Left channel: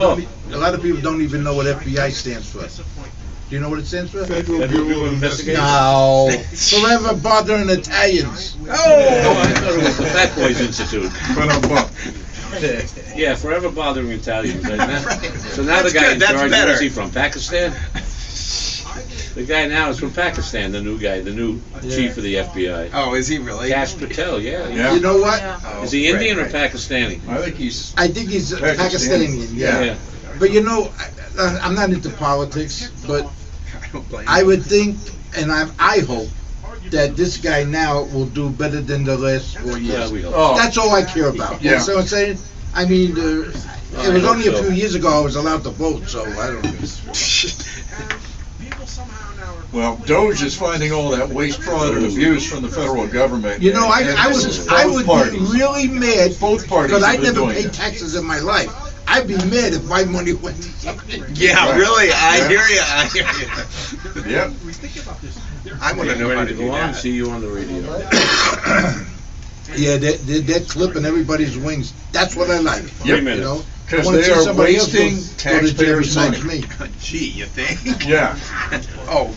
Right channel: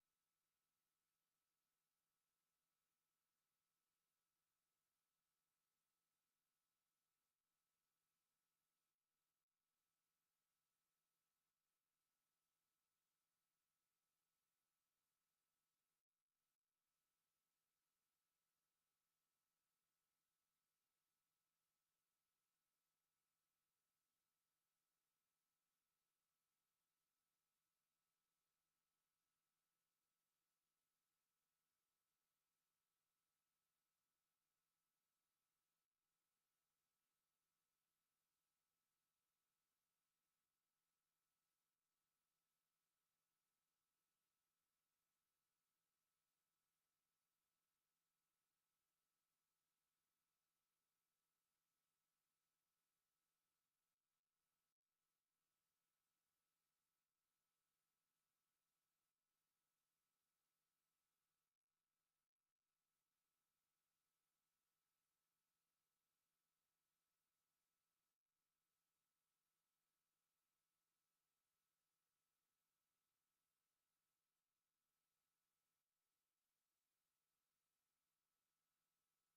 A lot of people don't even know what FBI stands for. Do you know what it stands for? Federal Bureau of Investigation. No. Forever bothering Italians. Oh, I thought it was the Fat Boys Institute. Yeah, forever bothering Italians. So now the guy in charge, where is he from? Pakistan? The guy now is from Pakistan, the new guy, the new chief of the FBI. Oh, is he really? Kash Patel, yeah. You know what? Is he Indian or Pakistani? I think he's Pakistani. Yeah. But you know, I'm not into politics, but I would think, and I hope, that this guy now will do better than the last 4 years. Yeah, we hope. That's all I care about. You know what I'm saying? I mean, it was only a few years ago I was allowed to vote, so I don't know. Well, Doge is finding all that waste, fraud, and abuse from the federal government. You know, I would be really mad. Both parties because I have been never doing paid it. taxes in my life. I'd be mad if my money went to something. Yeah, Right. really. I hear you. Yep. I want to know how Ready to to do go on? that. See you on the radio. Yeah, they're clipping everybody's wings. That's what I like. Yep. You know, I Because wanna they see are somebody else wasting go to jail taxpayers' besides money. me. Gee, you think? Yeah. Oh,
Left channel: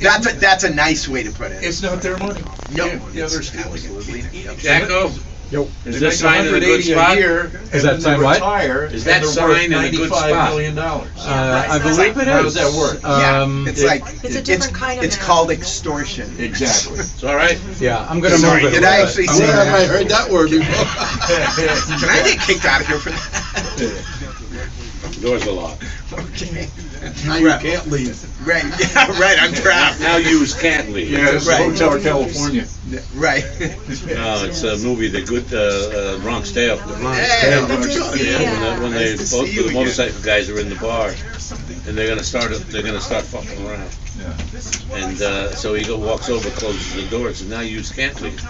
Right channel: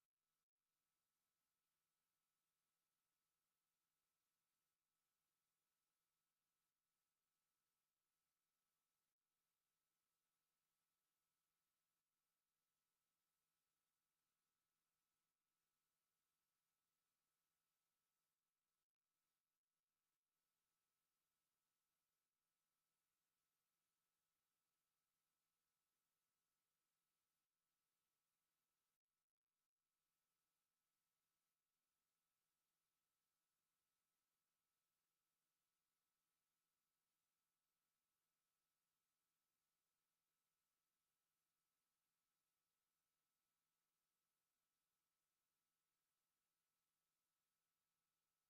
that's a nice way to put it. It's not their money. Nope. Yeah, they're stealing it. Absolutely. Yep. Jacko, Yo. is They this make sign in a good 180 spot? a year, Is and that then sign they what? retire, Is that and they're sign worth in a good $95 spot? million. I believe it is. How does that work? Yeah, it's like It's a different kind of it's math. called extortion. Exactly. It's all right. Yeah, I'm gonna Sorry, move it. did I actually say Where have I that? heard that word before? Can I get kicked out of here for that? Doors are locked. Okay. Now you can't leave. Right. Yeah. Right. I'm trapped. Now yous can't leave. Yeah, it's Right. Hotel California. Right. No, it's a movie, The Good Bronx Tale. Hey, Yeah, good to see Yeah, you. when they Nice to both see you the again. motorcycle guys are in the bar, and they're gonna start fucking around. Yeah. And so he walks over, closes the door, and says, "Now you can't leave."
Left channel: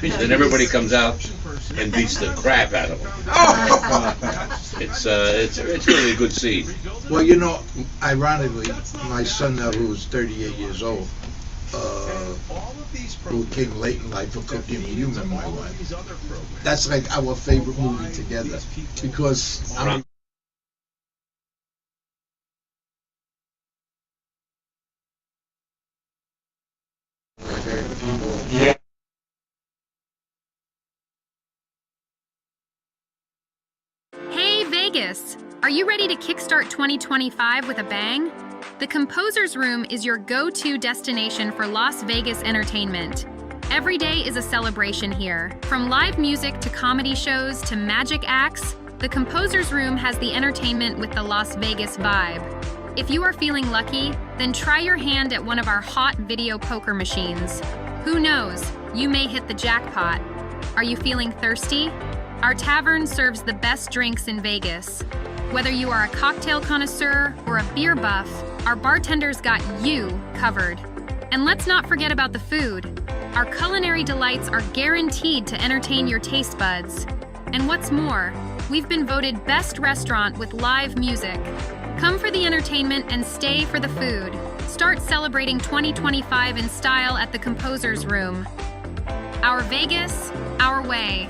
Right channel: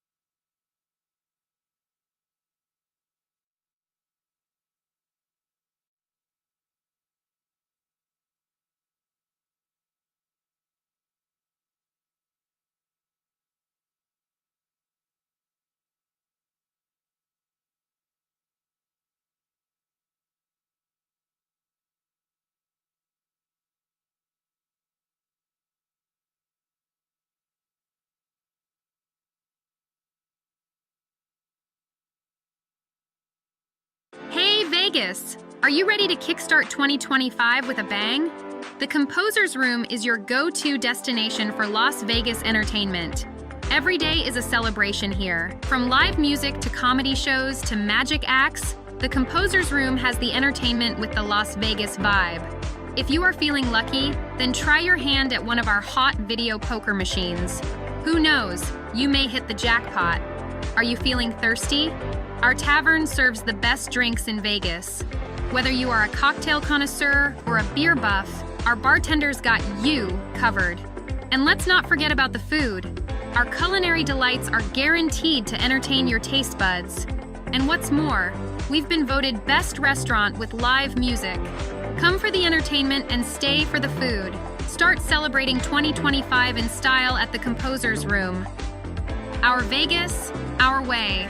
Then everybody comes out and beats the crap out of him. Oh. It's really a good scene. Well, you know, ironically, my son now, who's 38 years old, who came late in life for Cooking with You, and my wife. That's like our favorite movie together because I'm. Yeah. Hey Vegas! Are you ready to kickstart 2025 with a bang? The Composer's Room is your go-to destination for Las Vegas entertainment. Every day is a celebration here. From live music to comedy shows to magic acts, the Composer's Room has the entertainment with the Las Vegas vibe. If you are feeling lucky, then try your hand at one of our hot video poker machines. Who knows, you may hit the jackpot. Are you feeling thirsty? Our tavern serves the best drinks in Vegas. Whether you are a cocktail connoisseur or a beer buff, our bartenders got you covered. And let's not forget about the food. Our culinary delights are guaranteed to entertain your taste buds. And what's more, we've been voted best restaurant with live music. Come for the entertainment and stay for the food. Start celebrating 2025 in style at the Composer's Room. Our Vegas, our way.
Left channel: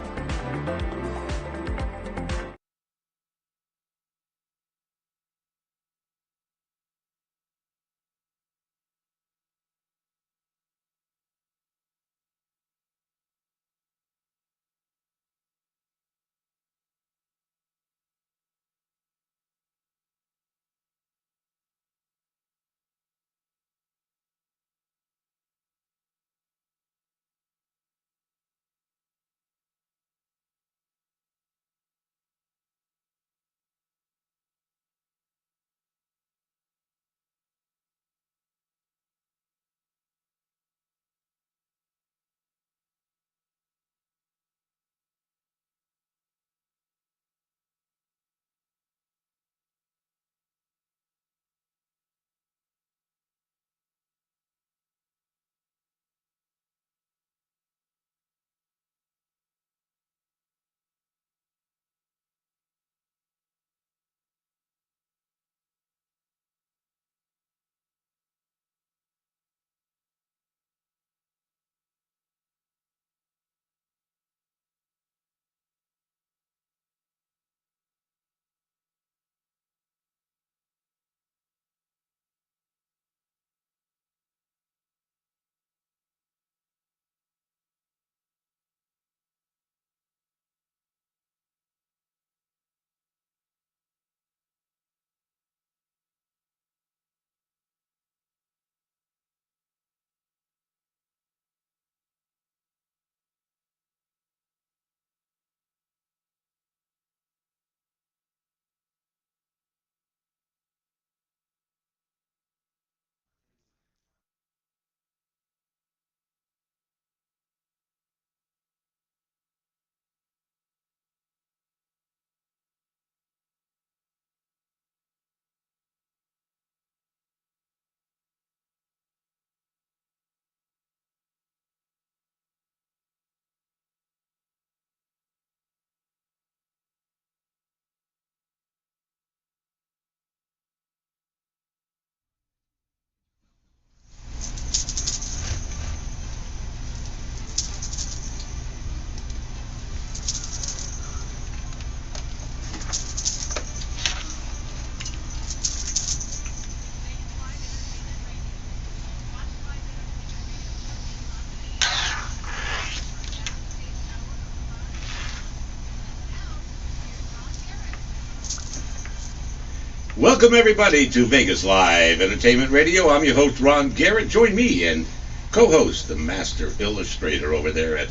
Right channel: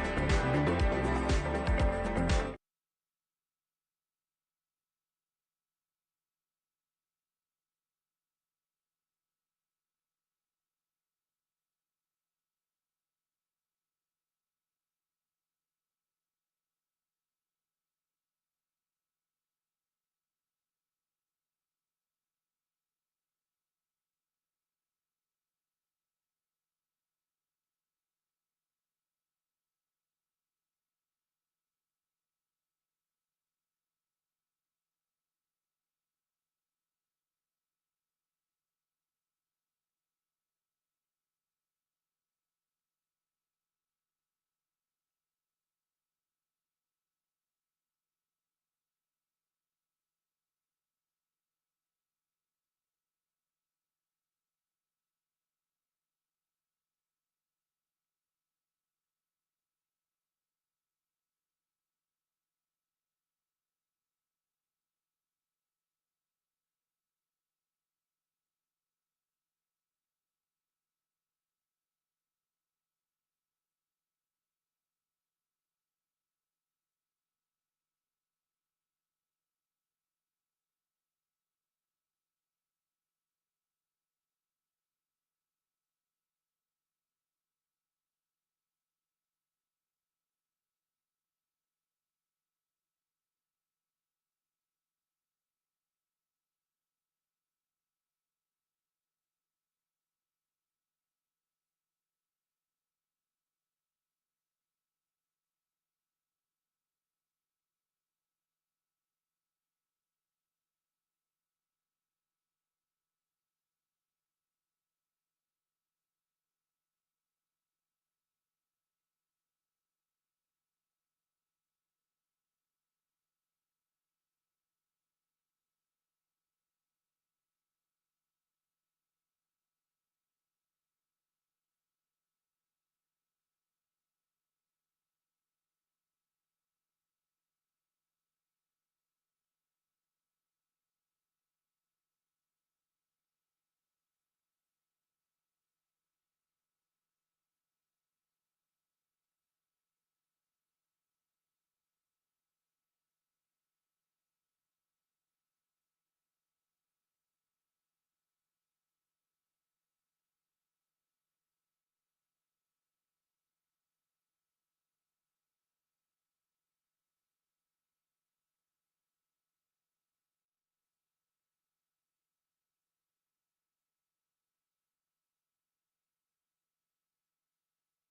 Welcome everybody to Vegas Live Entertainment Radio. I'm your host Ron Garrett. Join me and co-host the master illustrator over there at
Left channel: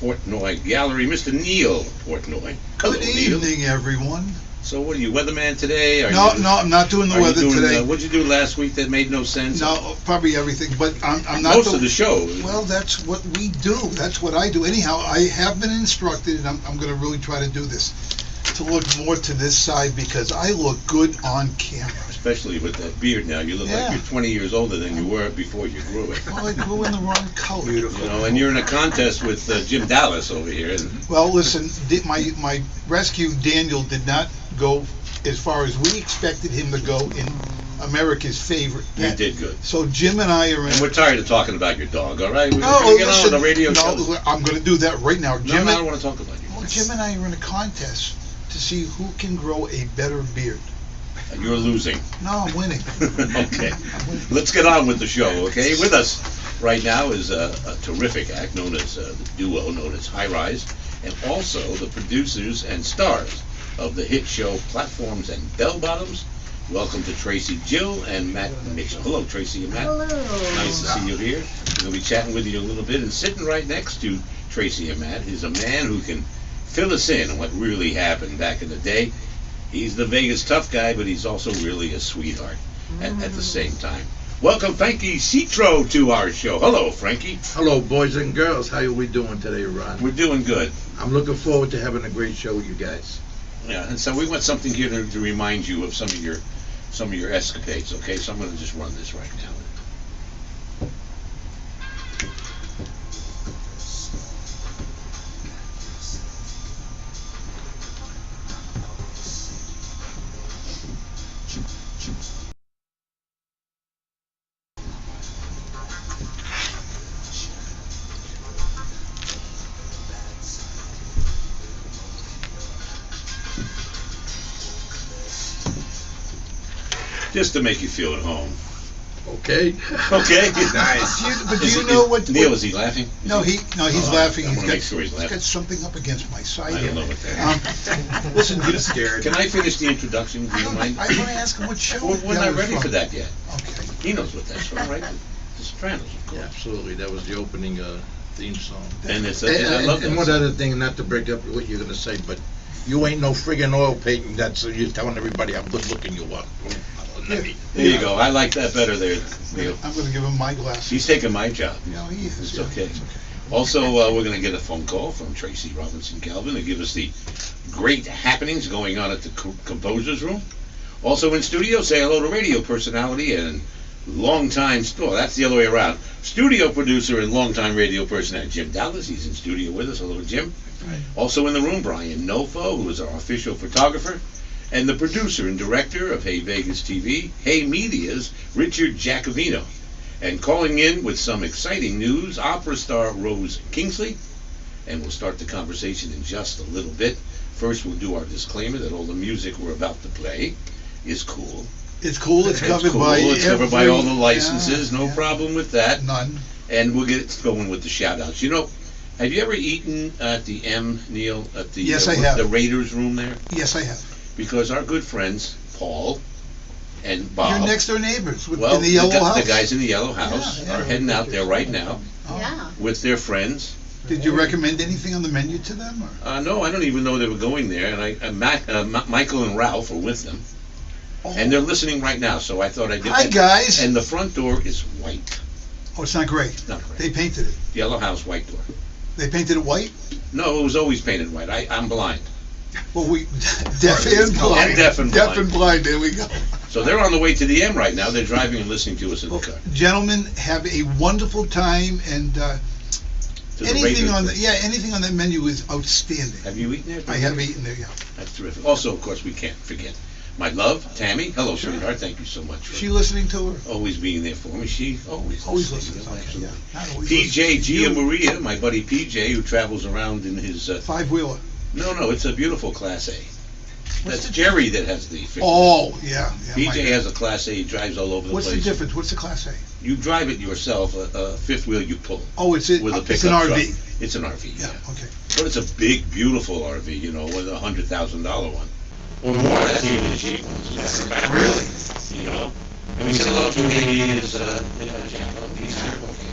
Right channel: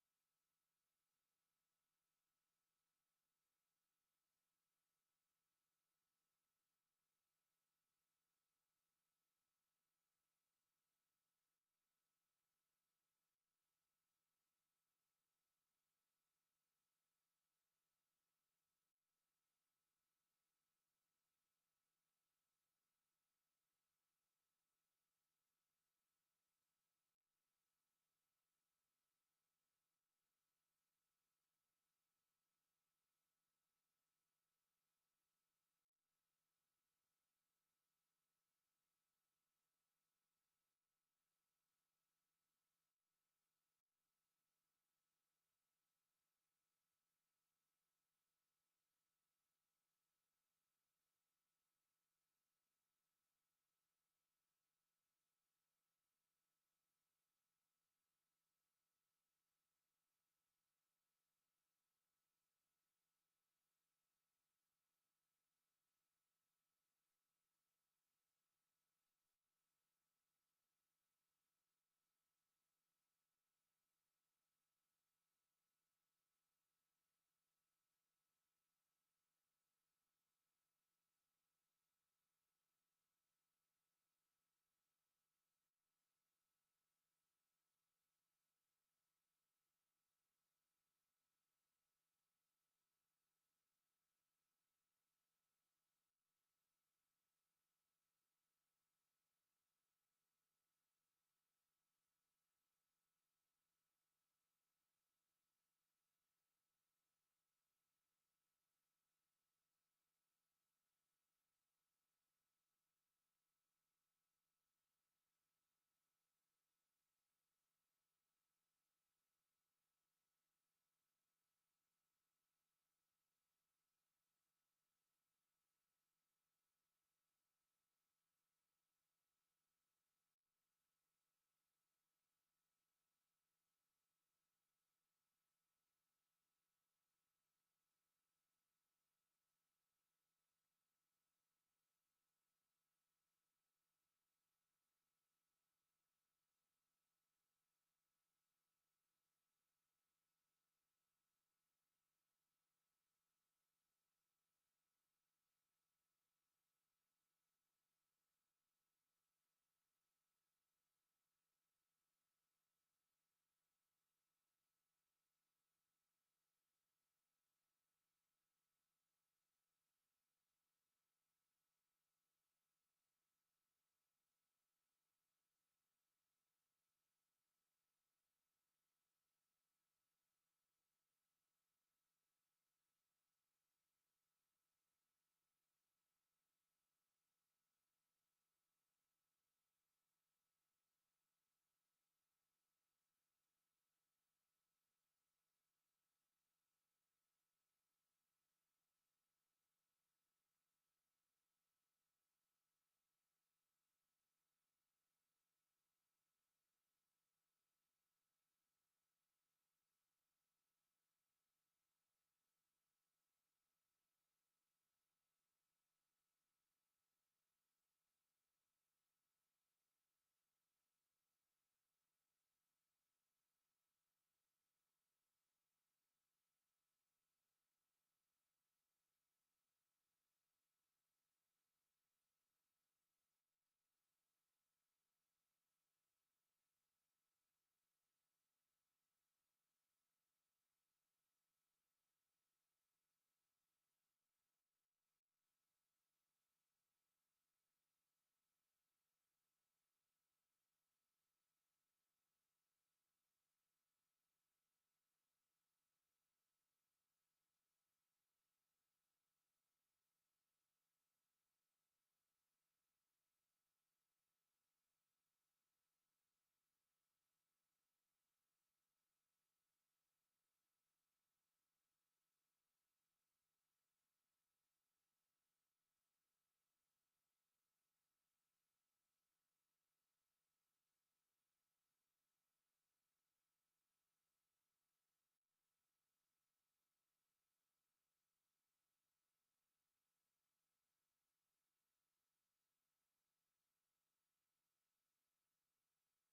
Portnoy Gallery, Mr. Neal Portnoy. Hello, Good Neal. evening, everyone. So what are you, weatherman today? No, I'm not doing the weather today. What'd you do last week that made no sense? No, probably everything, but I'm not. Most of the show. Well, that's what we do. That's what I do. Anyhow, I have been instructed, and I'm going to really try to do this, to look more to this side because I look good on camera. Especially with that beard now. You look like you're 20 years older than you were before you grew it. Well, I grew in the wrong color. Beautiful. You know, and you're in a contest with Jim Dallas over here. Well, listen, my rescue, Daniel, did not go as far as we expected him to go in America's favorite pet. You did good. So Jim and I are in... And we're tired of talking about your dog, all right? We're No, gonna get listen, on the radio show. no, I'm going to do that right now. No, I don't want to talk about you. Well, Jim and I are in a contest to see who can grow a better beard. You're losing. No, I'm winning. Okay. Let's get on with the show, okay? With us right now is a terrific act known as the duo known as High Rise, and also the producers and stars of the hit show Platforms and Bell Bottoms. Welcome to Tracy, Jill, and Matt Mitchell. Hello, Tracy and Matt. Hello. Nice to see you here. We're going to be chatting with you a little bit, and sitting right next to Tracy and Matt is a man who can fill us in on what really happened back in the day. He's the Vegas tough guy, but he's also really a sweetheart at the same time. Welcome, Frankie Citro, to our show. Hello, Frankie. Hello, boys and girls. How are we doing today, Ron? We're doing good. I'm looking forward to having a great show with you guys. Yeah, and so we want something here to remind you of some of your escapades. Okay, so I'm going to just run this right now. Just to make you feel at home. Okay. Okay. Nice. Do you know what? Neil, is he laughing? No, he's laughing. I He's want to make sure he's got laughing. something up against my side I here. don't know what that is. Listen, I'm scared. Can I finish the introduction? Do you mind? I want to ask him what show. We're that not was ready from. for that yet. Okay. He knows what that's from, right? The Sopranos, of course. Yeah, absolutely. That was the opening theme song. And it's And, I love that. and one song. other thing, not to break up what you're going to say, but you ain't no friggin' oil painting. That's you're telling everybody how good looking you are. There you go. I like that better there, Neil. I'm going to give him my glasses. He's taking my job. No, he is. It's yeah, okay. It's okay. Also, we're going to get a phone call from Tracy Robinson Calvin to give us the great happenings going on at the Composer's Room. Also in studio, say hello to radio personality and longtime, that's the other way around, studio producer and longtime radio personality, Jim Dallas. He's in studio with us. Hello, Jim. Right. Also in the room, Brian Nofo, who is our official photographer, and the producer and director of Hey Vegas TV, Hey Media's Richard Giacovino. And calling in with some exciting news, opera star Rose Kingsley. And we'll start the conversation in just a little bit. First, we'll do our disclaimer that all the music we're about to play is cool. It's cool. It's covered cool. by. It's covered by all the licenses. Yeah, No problem with that. None. And we'll get going with the shout-outs. You know, have you ever eaten at the M, Neil, at the Yes, I have. the Raiders room there? Yes, I have. Because our good friends, Paul and Bob. Your next door neighbors in well, the yellow house. the guys in the yellow house Yeah, are heading out there right now Oh. Yeah. with their friends. Did you recommend anything on the menu to them? Or? No, I don't even know they were going there. And Michael and Ralph are with them. Oh. And they're listening right now, so I thought I'd get Hi, guys. And the front door is white. Oh, it's not gray. Not gray. They painted it. Yellow house, white door. They painted it white? No, it was always painted white. I'm blind. Well, we deaf and blind. I'm deaf and blind. Deaf and blind. There we go. So they're on the way to the M right now. They're driving and listening to us in the car. Gentlemen, have a wonderful time, and To the anything Raiders on place. anything on that menu is outstanding. Have you eaten there? I have eaten there. Yeah. That's terrific. Also, of course, we can't forget my love, Tammy. Hello, sweetheart. Thank you so much Is for she listening to her? always being there for me. She always listens. Okay, Absolutely. yeah. Not always PJ listens. Gia You, Maria, my buddy PJ, who travels around in his. Five-wheeler. No, it's a beautiful Class A. What's That's the- Jerry that has the. fixed- Oh, yeah. PJ my- has a Class A. He drives all over the What's place. the difference? What's the Class A? You drive it yourself. A fifth wheel you pull. Oh, it's With a it's pickup an RV. truck. It's an RV. Yeah. Okay. But it's a big, beautiful RV. With a $100,000 one. or more. That's even the cheap ones. Really? You know? And we said hello to maybe is he's here working.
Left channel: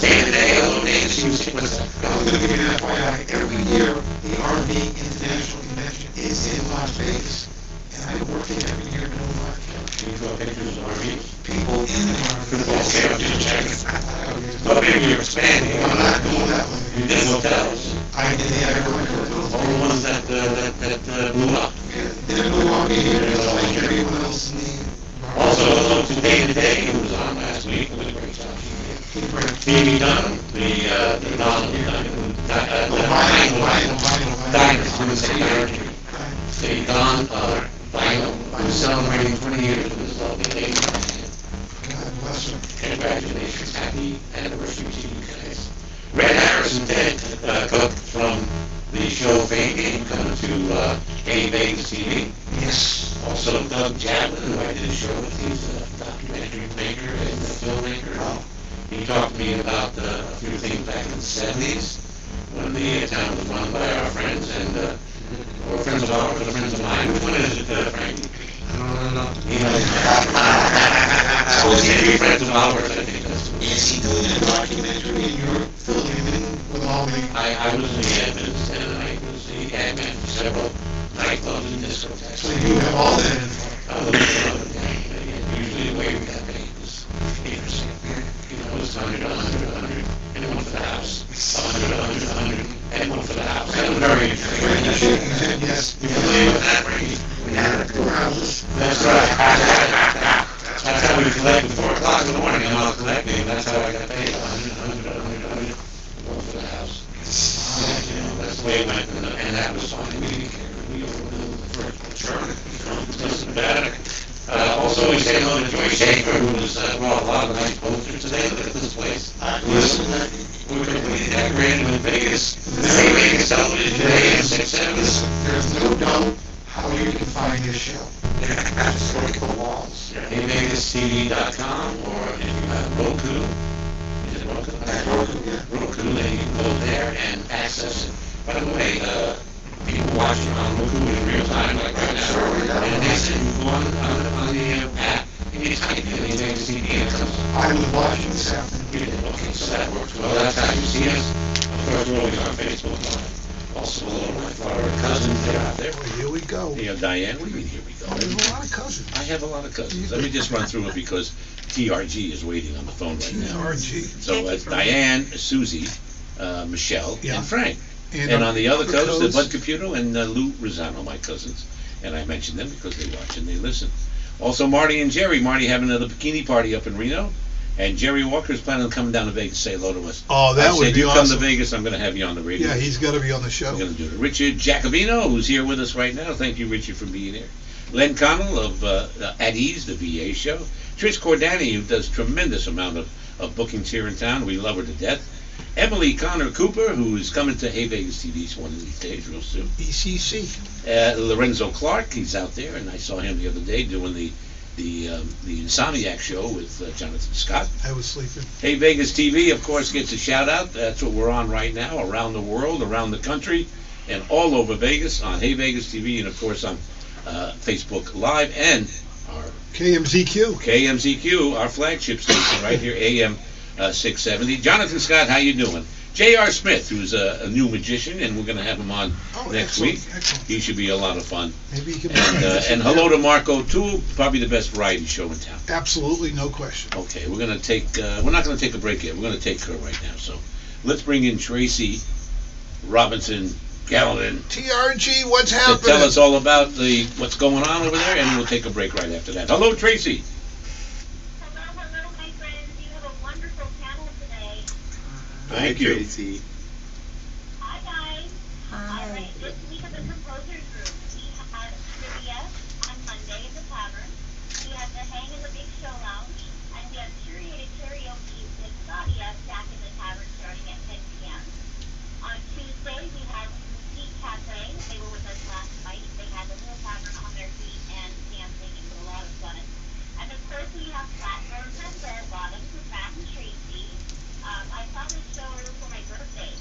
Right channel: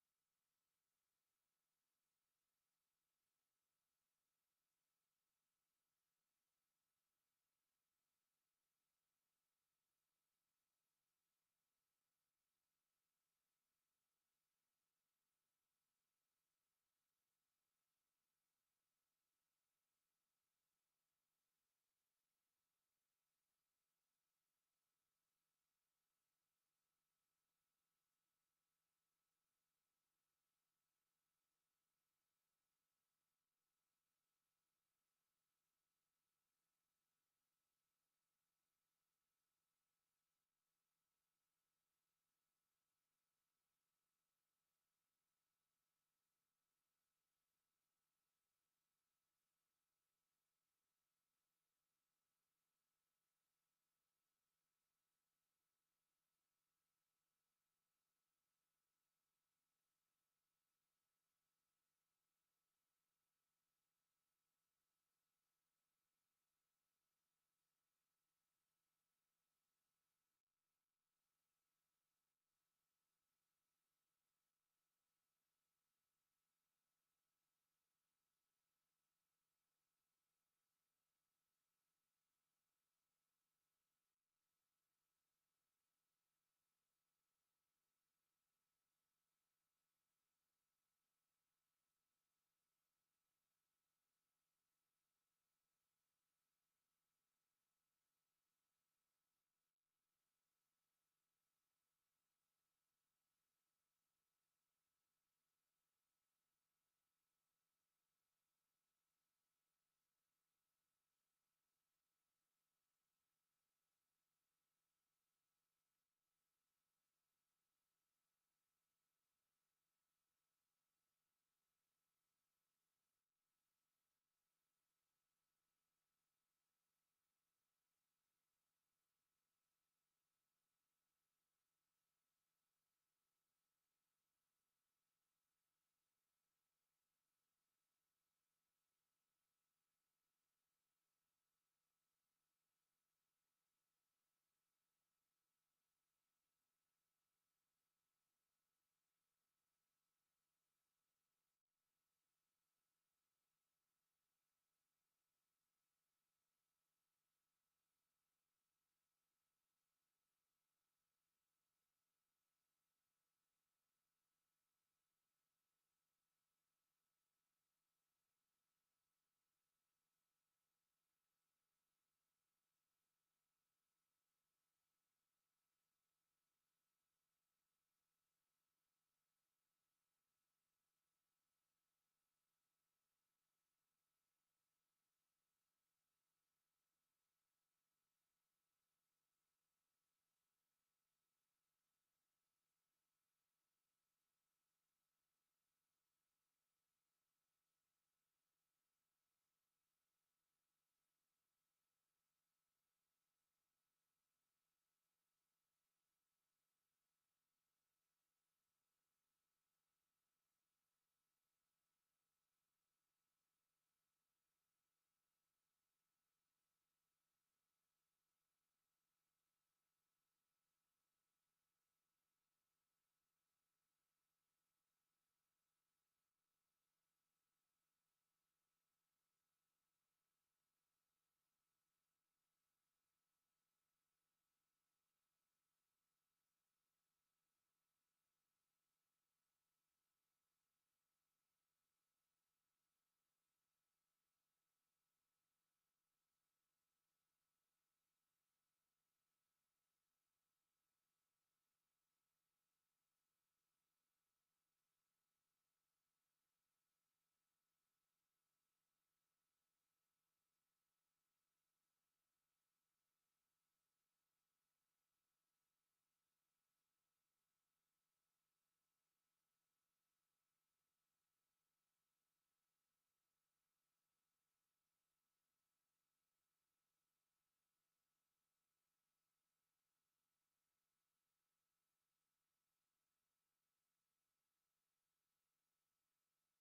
Day to day, hello, Dave. What's up? I'm going to give you an FYI. Every year, the RV International Convention is in Las Vegas. And I work it every year in New York. Can you draw pictures of RVs? People in the RV. Okay, I'm just checking. Oh, maybe you're expanding. I'm not doing that one. You did hotels. I did the agricultural. All the ones that blew up. They're no longer here. They're like everyone else in the... Also, hello to Day to Day, who was on last week. It was a great job. Amy Dunham, the Donald Dunham, Diners, I'm going to say Diners. The Don Vinyl, who's celebrating 20 years with his lovely lady. God bless him. Congratulations, happy anniversary to you guys. Red Harrison, Ted Cook from the show Fame Game, coming to Hey Vegas TV. Yes. Also Doug Jablin, who I did a show with. He's a documentary maker and a filmmaker. Oh. He talked to me about a few things back in the 70s when the town was run by our friends and or friends of ours or friends of mine. Which one is it, Frankie? I don't know. You know, so it's going to be friends of ours, I think that's what. Is he doing a documentary and you're filling him in with all the... I was in the admins and I was the admin for several nightclubs and discotheques. So you have all that info. Usually the way we got paid was 8%. You know, it was 100, 100, and one for the house. 100, 100, and one for the house. That was very interesting. Frankie shaking his head, yes. You believe in that, Frankie? We had it at 4 houses. That's right. That's how we collected 4 o'clock in the morning. And I was collecting, and that's how I got paid. 100, 100, one for the house. You know, that's the way it went, and that was fine. We didn't care. We overbilled the first term. Doesn't matter. Also, we say hello to Joy Schaefer, who has brought a lot of nice posters today. Look at this place. Listen, We're going to be decorated in Vegas. Vegas television, AM 670. listen, there's no doubt how you can find your show. Just look at the walls. HeyVegasTV.com, or if you have Roku, is it Roku? Roku, yeah. Roku, then you can go there and access it. By the way, people watching on Roku in real time, like right now, and they said you go on the app, and you type in HeyVegas TV, and it comes up. I was watching this afternoon. Okay, so that works well. That's how you see us. Of course, we're always on Facebook Live. Also, hello to my Florida cousins. They're out there. Well, here we go. You know, Diane, what do you mean, here we go? I have a lot of cousins. I have a lot of cousins. Let me just run through it because TRG is waiting on the phone right now. TRG. So Diane, Susie, Michelle, Yeah. and Frank. And on the other coast, Bud Caputo and Lou Rosano, my cousins. And I mentioned them because they watch and they listen. Also, Marty and Jerry. Marty having another bikini party up in Reno. And Jerry Walker's planning on coming down to Vegas to say hello to us. Oh, that would be you awesome. come to Vegas, I'm going to have you on the radio. Yeah, he's got to be on the show. We're going to do it. Richard Jacobino, who's here with us right now. Thank you, Richard, for being here. Len Connell of At Ease, the VA show. Trish Cordani, who does tremendous amount of bookings here in town. We love her to death. Emily Connor Cooper, who is coming to Hey Vegas TV one of these days, real soon. ECC. Lorenzo Clark, he's out there, and I saw him the other day doing the Insomniac show with Jonathan Scott. I was sleeping. Hey Vegas TV, of course, gets a shout out. That's what we're on right now, around the world, around the country, and all over Vegas on Hey Vegas TV, and of course on Facebook Live and our KMZQ, our flagship station right here, AM 670. Jonathan Scott, how you doing? J.R. Smith, who's a new magician, and we're going to have him on next week. Excellent. He should be a lot of fun. Maybe he can. And hello to Marco O'Toole, probably the best variety show in town. Absolutely, no question. Okay, we're going to take. We're not going to take a break yet. We're going to take her right now. So, let's bring in Tracy Robinson Gallatin. TRG, what's To happening? tell us all about what's going on over there, and we'll take a break right after that. Hello, Tracy. Hello, my friends. You have a wonderful panel today. Thank you. Tracy. Hi, guys. All right, this week at the Composer's Room, we had trivia on Monday in the tavern. We had the Hang in the Big Show Lounge, and we had curated karaoke with Sadia back in the tavern starting at 10 p.m. On Tuesday, we had Mesquite Cafe. They were with us last night. They had the whole tavern on their feet and dancing. It was a lot of fun. And of course, we have Flatburns and Bell Bottoms with Matt and Tracy. I saw this show for my birthday,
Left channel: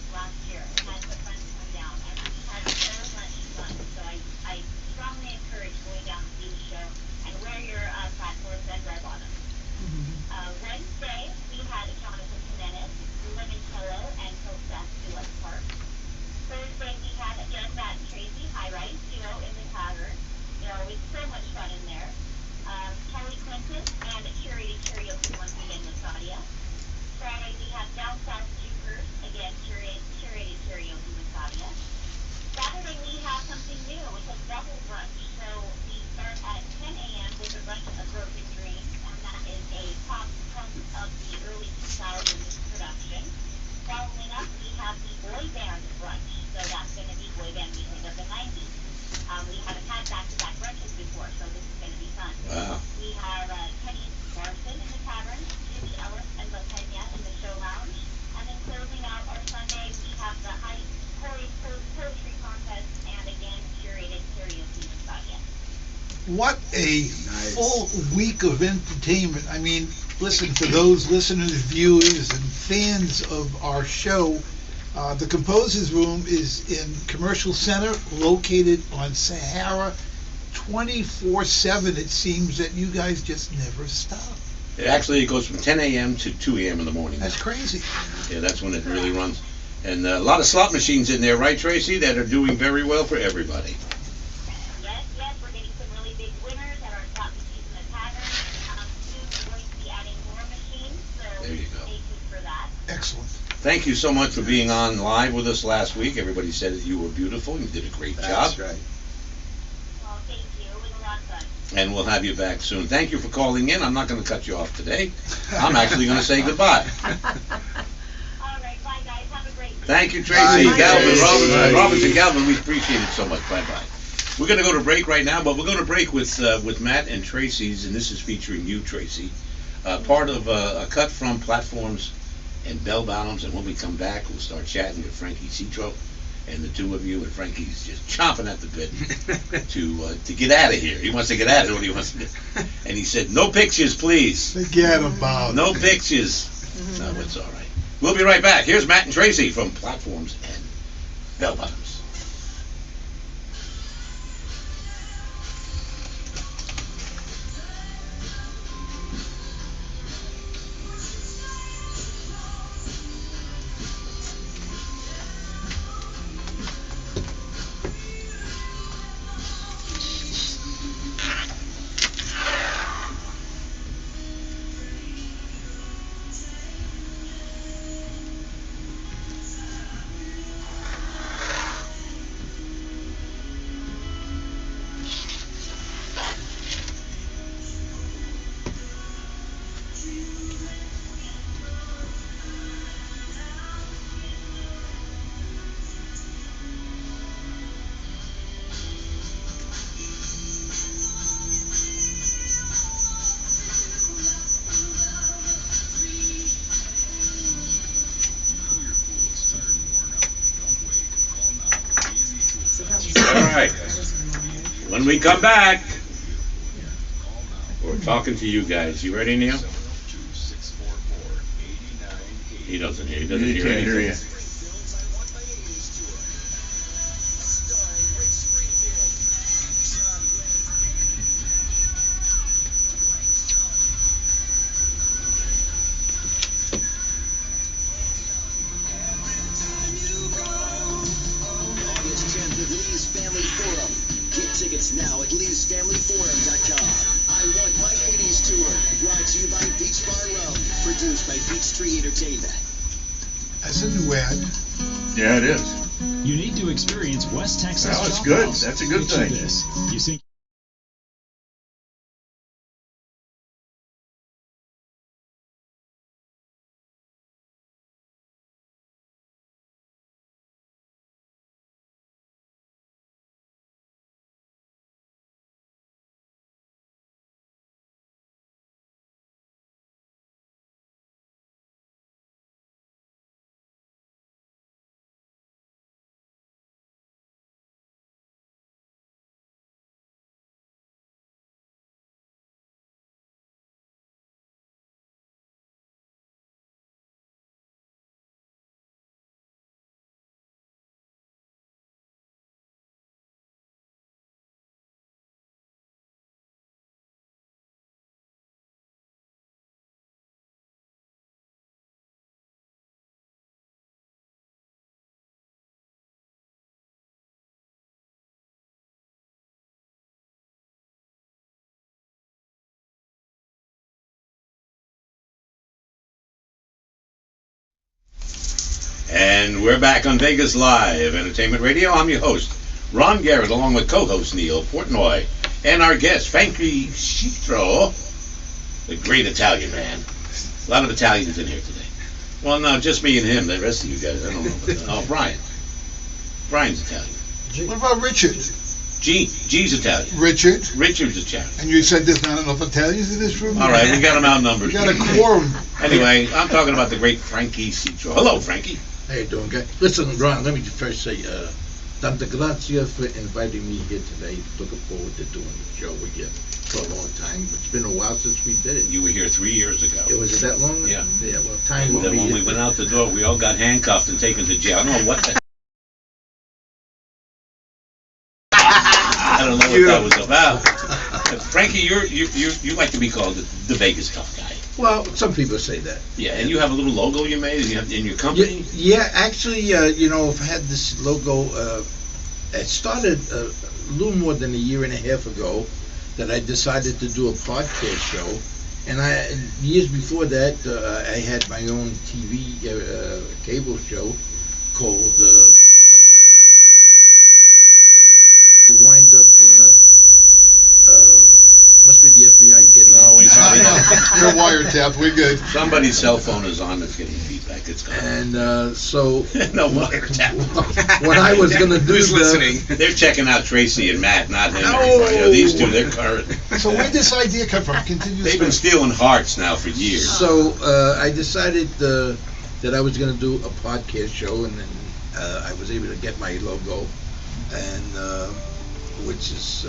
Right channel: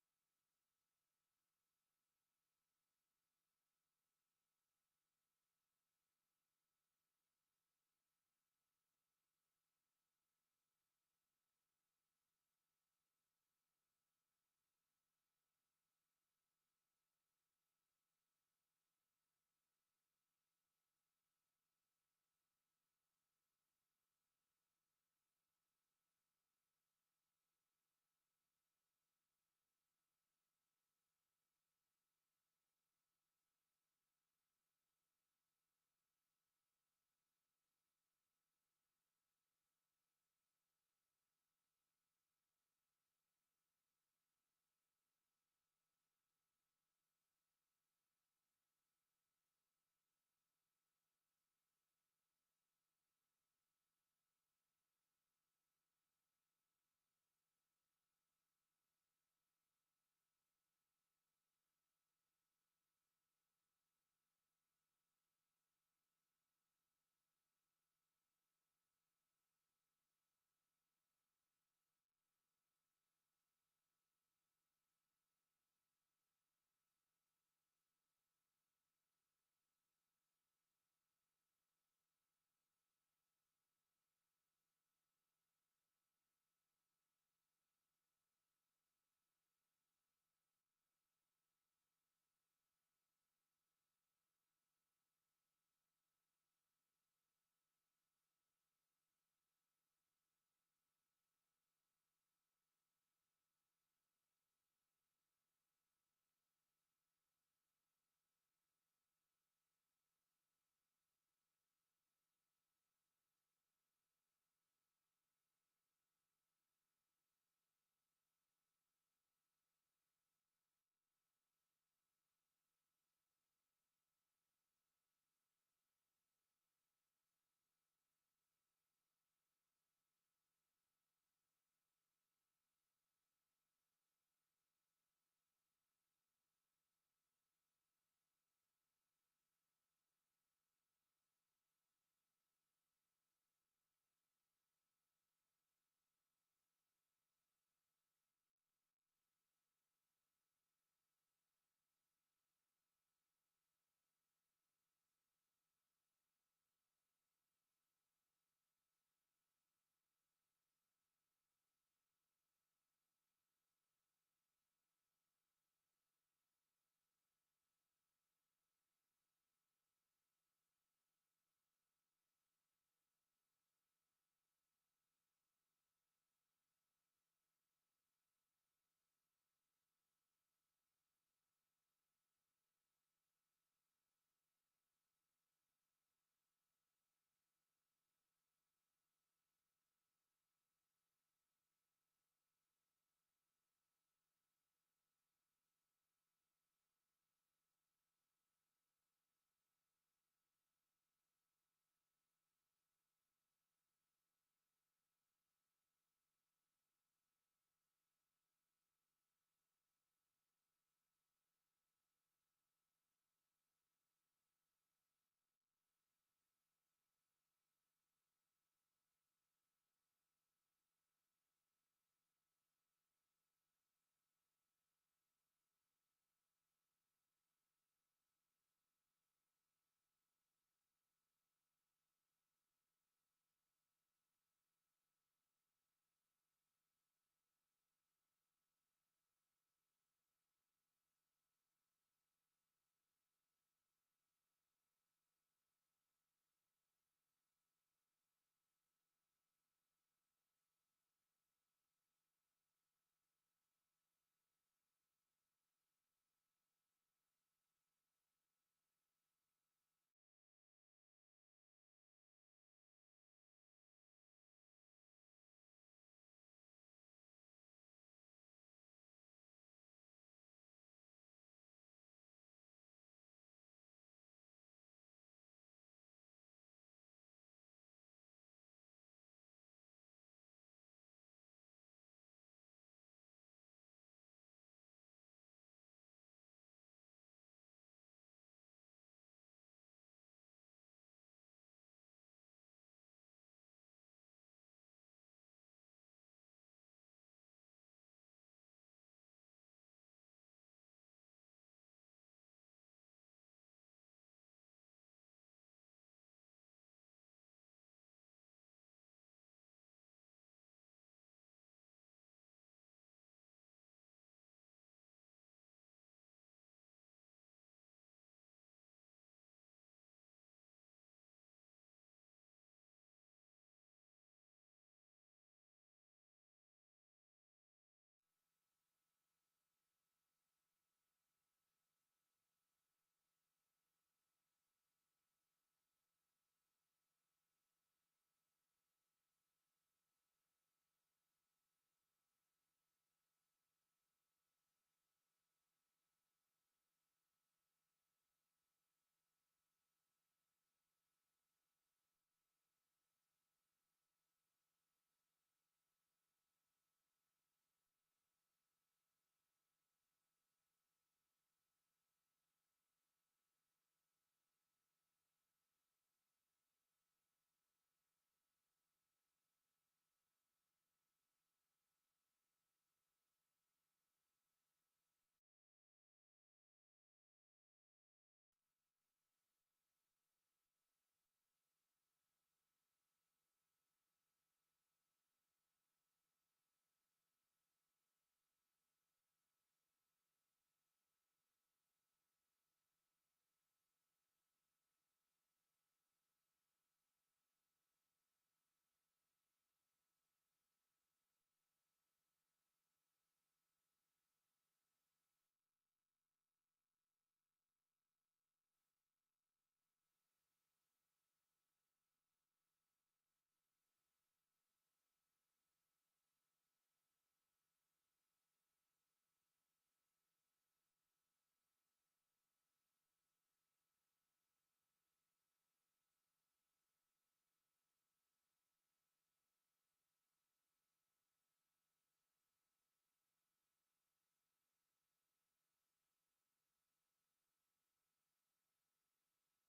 What a full week of entertainment. I mean, listen, for those listeners, viewers, and fans of our show, the Composers Room is in Commercial Center, located on Sahara, 24/7. It seems that you guys just never stop. It goes from 10 a.m. to 2 a.m. in the morning. That's crazy. Yeah, that's when it really runs. And a lot of slot machines in there, right, Tracy, that are doing very well for everybody. Yes, we're getting some really big winners at our slot machines in the tavern. Soon we're going to be adding more machines, so There you go. stay tuned for that. Excellent. Thank you so much for being on live with us last week. Everybody said that you were beautiful. You did a great job. That's right. Well, thank you. It was a lot of fun. And we'll have you back soon. Thank you for calling in. I'm not going to cut you off today. I'm actually going to say goodbye. All right, bye guys. Have a great week. Thank you, Tracy, Bye. Galvin, Bye. Roberts and Galvin. We appreciate it so much. Bye-bye. We're going to go to break right now, but we're going to break with Matt and Tracy's, and this is featuring you, Tracy. Part of a cut from Platforms and Bell Bottoms, and when we come back, we'll start chatting with Frankie Citro and the two of you, and Frankie's just chomping at the bit to get out of here. He wants to get out of what he wants to do. And he said, no pictures, please. Forget about it. No pictures. No, it's all right. We'll be right back. Here's Matt and Tracy from Platforms and Bell Bottoms. All right. When we come back, we're talking to you guys. You ready, Neal? He doesn't hear. He doesn't hear can't anything. hear you. Tickets now at leesfamilyforum.com. I Want My 80s Tour, brought to you by Beach Bar Rum, produced by Beach Tree Entertainment. That's a new ad. Yeah, it is. You need to experience West Texas. Well, it's Chop good. House. That's a good Picture thing. This. You see. And we're back on Vegas Live Entertainment Radio. I'm your host, Ron Garrett, along with co-host Neal Portnoy, and our guest, Frankie Citro, the great Italian man. A lot of Italians in here today. Well, no, just me and him. The rest of you guys, I don't know. Oh, Brian. Brian's Italian. What about Richard? G's Italian. Richard? Richard's Italian. And you said there's not enough Italians in this room? All right, we got them outnumbered. We got a quorum. Anyway, I'm talking about the great Frankie Citro. Hello, Frankie. How you doing, guys? Listen, Ron, let me first say, Tanta gracia for inviting me here today. Looking forward to doing the show with you for a long time. It's been a while since we did it. You were here 3 years ago. It was that long? Yeah. Yeah, well, time And will then be when we went out the door, we all got handcuffed and taken to jail. I don't know what the I don't know what that was about. Frankie, you like to be called the Vegas tough guy. Well, some people say that. Yeah, and you have a little logo you made in your company? Yeah, actually, you know, I've had this logo, it started a little more than a year and a half ago that I decided to do a podcast show. And years before that, I had my own TV cable show called Tough Guy Frankie. And then I wind up, must be the FBI getting No, in. we probably You're wiretapped. We're good. Somebody's cell phone is on that's getting feedback. It's gone. And so No wiretap. what I was gonna do, Who's listening? They're checking out Tracy and Matt, not him. No. Everybody. You know, these two, they're current. So where'd this idea come from? Continue. They've been stealing hearts now for years. So I decided that I was going to do a podcast show, and then I was able to get my logo, and which is